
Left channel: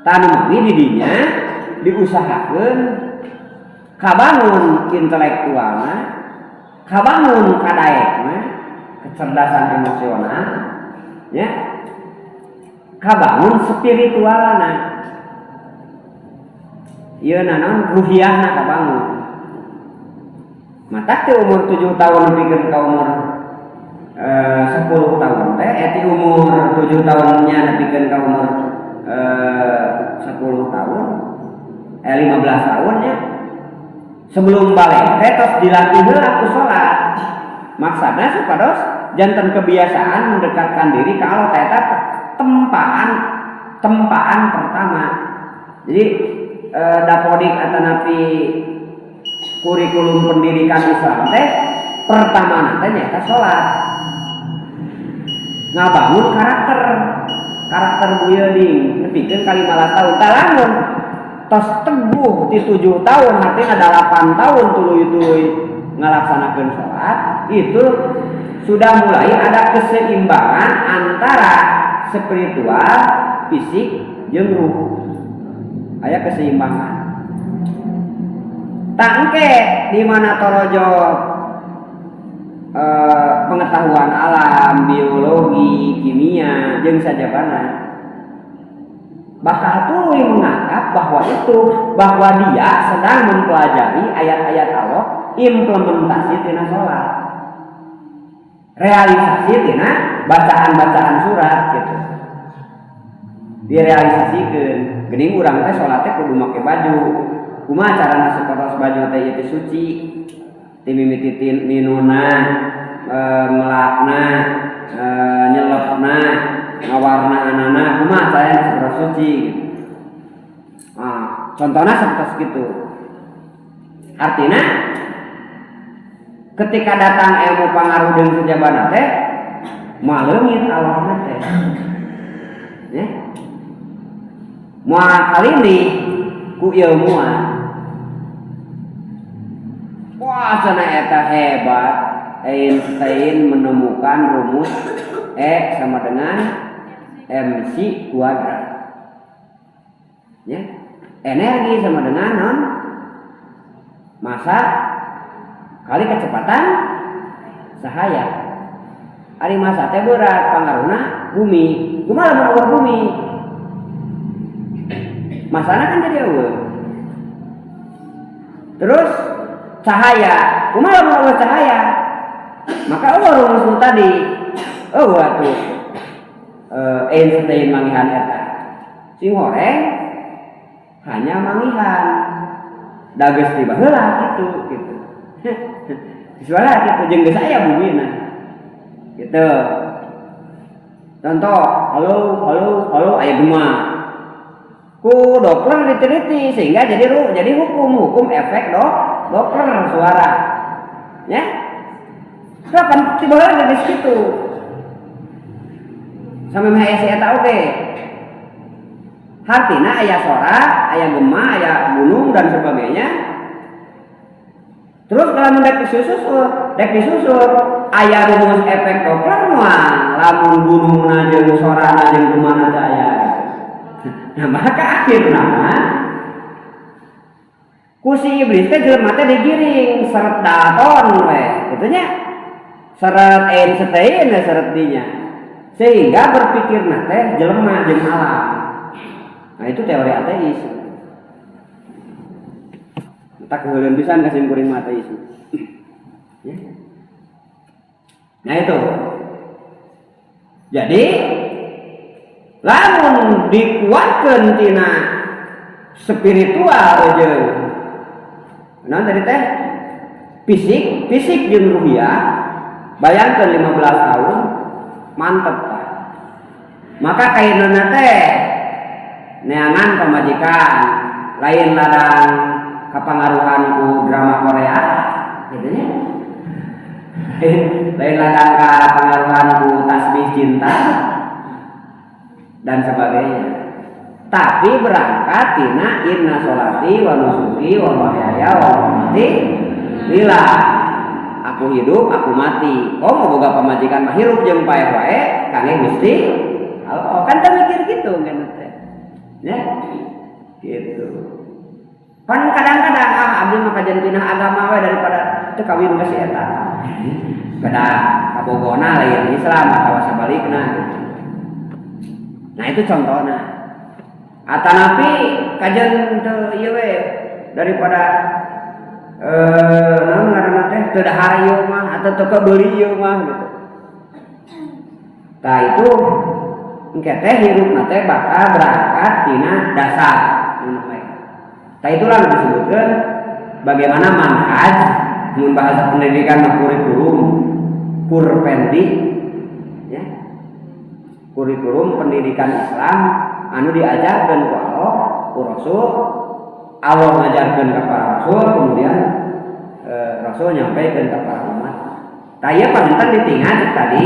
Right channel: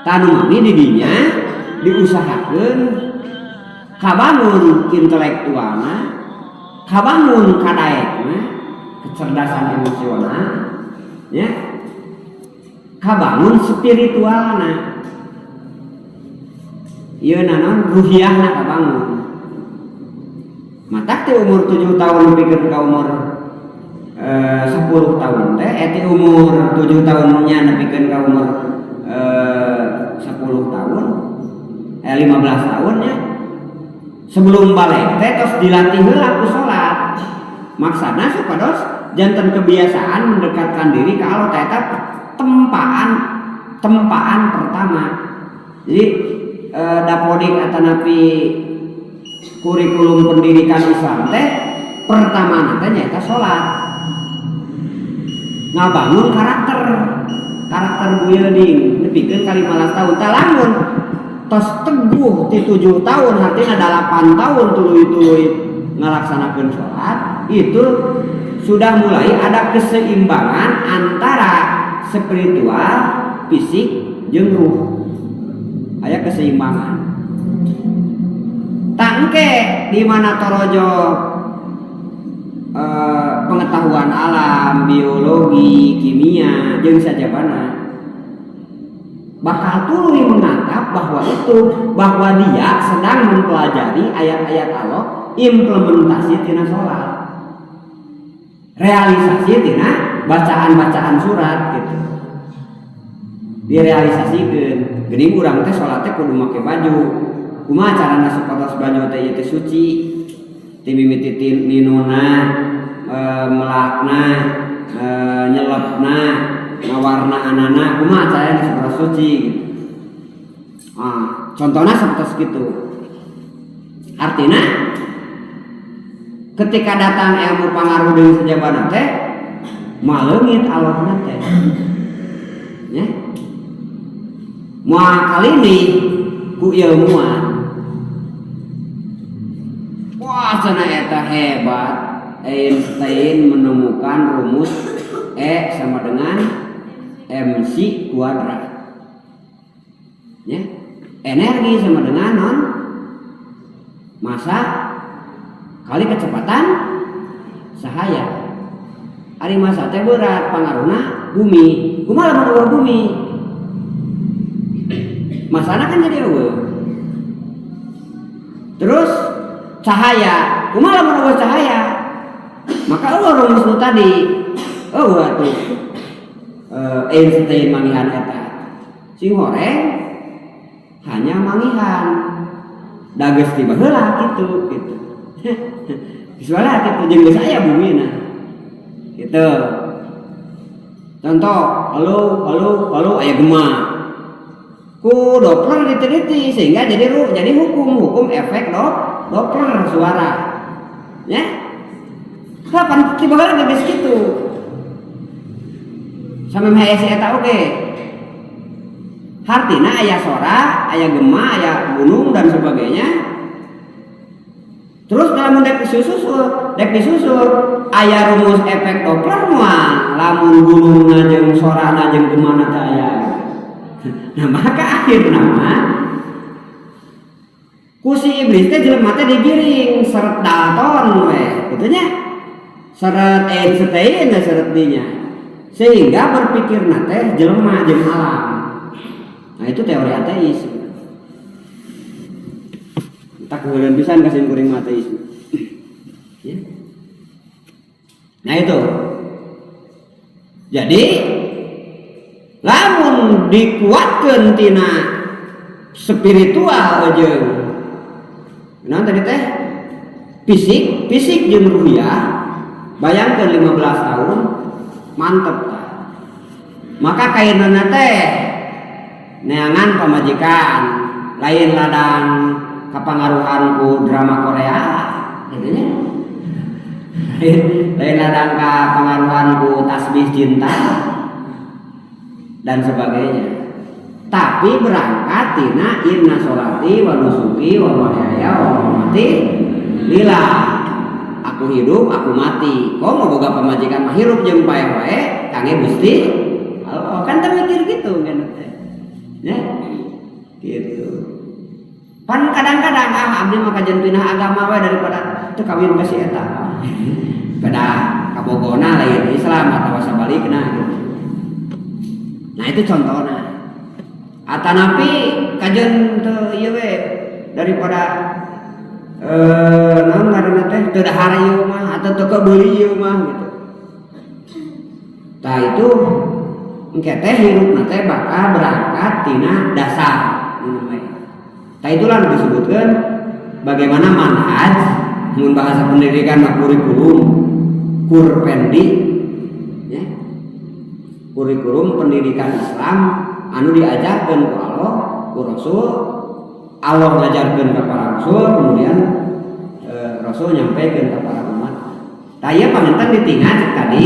Tanu mami di dinya diusahakeun kabangun intelektualna, kabangun kadaekna, kecerdasan emosional, ya. Kabangun spiritualna. Ieu naon ruhiyahna kabangun. Matak teh umur 7 tahun nepikeun ka umur 10 tahun teh eti umur 7 tahunnya nepikeun ka umur 10 tahun 15 tahunnya sebelum balik teh tos dilatih heula ku salat. Maksudna supados janten kebiasaan mendekatkan diri ka Allah teh eta tempaan pertama. Jadi dapodik atau napi kurikulum pendidikan Islam teh pertama teh nyaeta salat. Ngabangun karakter building nepikeun ka 15 tahun. Tah lamun tos teguh di 7 tahun artinya 8 tahun tuluy-tuluy ngalaksanakeun sholat, itu sudah mulai ada keseimbangan antara spiritual, fisik, jeung ruh. Aya keseimbangan. Tangke di mana torojo pengetahuan alam, biologi, kimia, jeung sajabana. Bakal tuluy menganggap bahwa dia sedang mempelajari ayat-ayat Allah, implementasi tina sholat, realisasi tina bacaan-bacaan surat gitu. Direalisasikeun. Geuning urang teh sholat teh kudu make baju. Kumaha carana supados baju teh ieu suci? Ti mimiti ninuna, melakna, nyelepna, ngawarna anana, kumaha carana supados suci gitu. Contohnya seperti itu. Artinya ketika datang ilmu pangaruh deui sajabana teh maleungit Allahna teh. Ya. Moal kalini ku ilmuan. Wah, cenah eta hebat. Einstein menemukan rumus E sama dengan mc kuadrat. Ya. Energi sama dengan massa kali kecepatan cahaya. Ari massa teh berat pangaruhna bumi. Kumaha lamun eueuh bumi? Masana kan jadi eueuh. Terus cahaya, kumaha lamun eueuh cahaya? Maka eueuh rumus tadi. Eueuh atuh. Einstein mangihan eta. Sing horeng hanya mangihan. Dages tiba heula gitu. Visualnya gitu jeung geus aya bumina. Gitu. Contoh, halo aya gema. Ku Doppler diteliti sehingga jadi hukum efek Doppler suara. Ya. Kapan tiba heula geus kitu. Sampai mah eta oge. Artinya aya sora, aya gema, aya gunung dan sebagainya. Terus dalam dek disusul aya rumus efek Doppler mah lamun gunungna jeung sorana jeung gemana teh aya. Nah maka akhirna ku si iblis teh jelema teh digiring seret Dalton we kitu nya. Seret Einstein we seret dinya. Sehingga berpikirna teh jelema jeung alam. Nah itu teori ateis. Tak kemudian pisan kasih kuring ateis. Ya. Nah itu. Jadi lamun dikuatkeun tina spiritual jeung nah tadi teh fisik jeung ruhiyah. Bayangkeun 15 tahun mantep tah. Maka kainana teh neangan pamajikan lain ladang kapangaruhan ku drama Korea gitu nya. Lain ladang kapangaruhan ku tasbih cinta dan sebagainya. Tapi berangkat tina inna sholati wa nusuki wa mahyaya wa mamati lillah. Aku hidup, aku mati. Kau mau boga pamajikan mah hirup jeung pae wae kangge Gusti Allah. Kan teh mikir gitu ngeun teh. Ya. Gitu. Pan kadang-kadang abdi mah kajen pindah agama wae daripada teu kawin ka si eta. Pada kabogona lain Islam atawa sabalikna gitu. Nah itu contohnya. Atanapi kajen teu ieu we daripada naon ngaranna teh teu dahar ieu mah atawa teu kebeuli ieu mah gitu. Tah itu engke teh hirupna teh bakal berangkat tina dasar namanya. Tah itulah disebutkeun bagaimana manhaj mun bahasa pendidikan mah kurikulum kurpendi ya. Kurikulum pendidikan Islam anu diajarkeun ku Allah, ku Rasul. Allah ngajarkeun ka para rasul, kemudian Rasul nyampaikan ke para umat. Tah ieu panganten ditingal cek tadi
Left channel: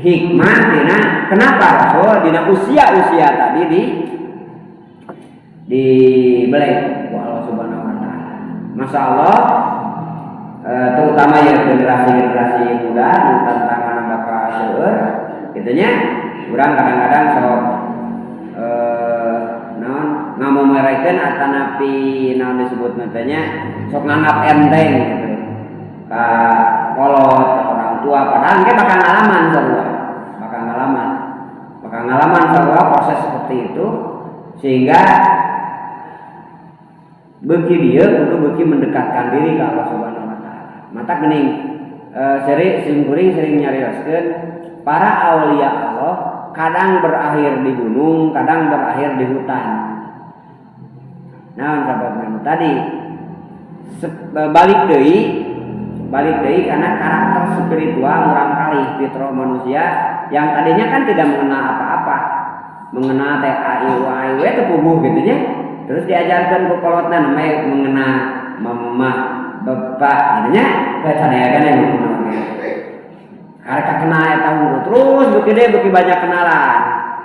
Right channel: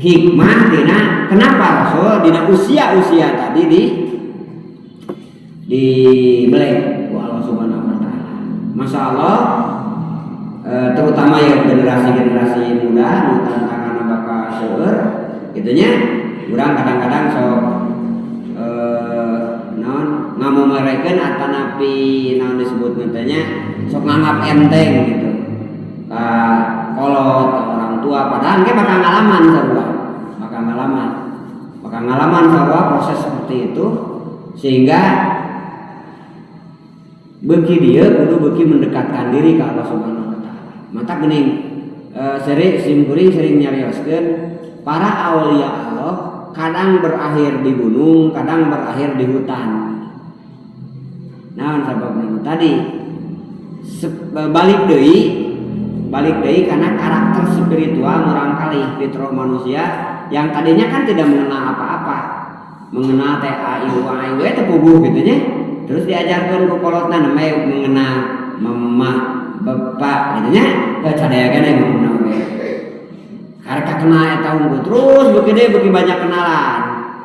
hikmah dina kenapa Rasul dina usia-usia tadi dibeleng ku Allah Subhanahu wa taala. Masya Allah, terutama ya generasi muda nu tantangan bakal seueur kitu nya, urang kadang-kadang sok ngamomerekeun atanapi naon disebutna teh nya sok nganggap enteng gitu. Ka kolot ka orang tua padahal ge bakal ngalaman sarua proses seperti itu, sehingga beuki dieu kudu mendekatkan diri ke Allah Subhanahu wa taala. Mata geuning sering nyarioskeun para aulia Allah kadang berakhir di gunung, kadang berakhir di hutan. Nah, sababna tadi balik deui karena karakter spiritual murangkali fitrah manusia yang tadinya kan tidak mengenal apa-apa, mengenal teh aiu teh puguh gitu nya. Terus diajarkan ku kolotna namanya mengenal mamah bapak gitu nya, kecadayakeun deui mengenal ge. Karena kenal eta unggul terus beuki banyak kenalan.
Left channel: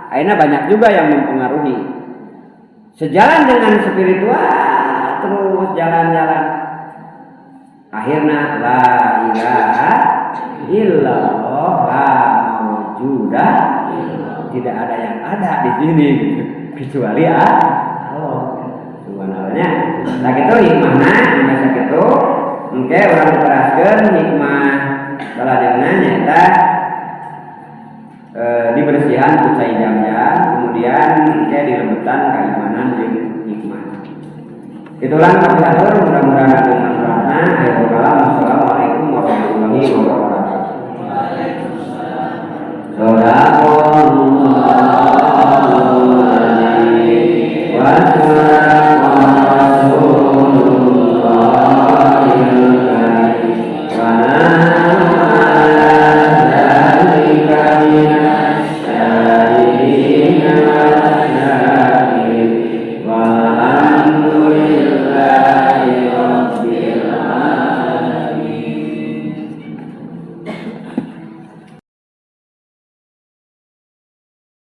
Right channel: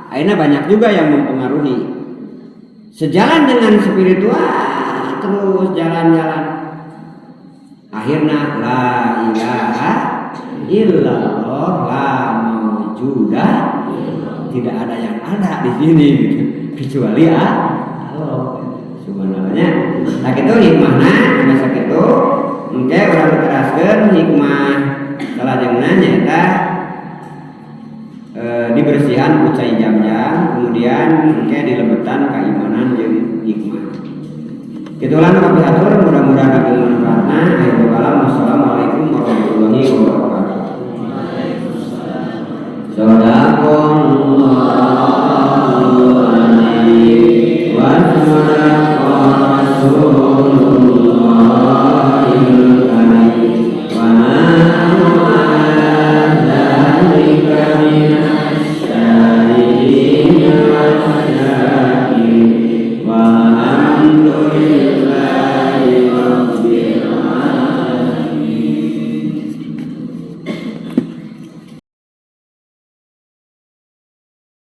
Akhirnya banyak juga yang mempengaruhi. Sejalan dengan spiritual terus jalan-jalan. Akhirnya la ilaha illallah la maujudah, tidak ada yang ada di sini gitu. Kecuali Allah subhanallahnya. Nah kitu hikmahna dina sakitu engke urang diteraskeun hikmah salajengna nyaeta dibersihan ku cai jam-jam, kemudian engke dilebetan keimanan jeung hikmah. Itulah kami atur, mudah-mudahan aku manfaatna. Akhirul kalam, wassalamualaikum warahmatullahi wabarakatuh. Sadaqallahul adzim wa sadaqa rasulullah. Alhamdulillah.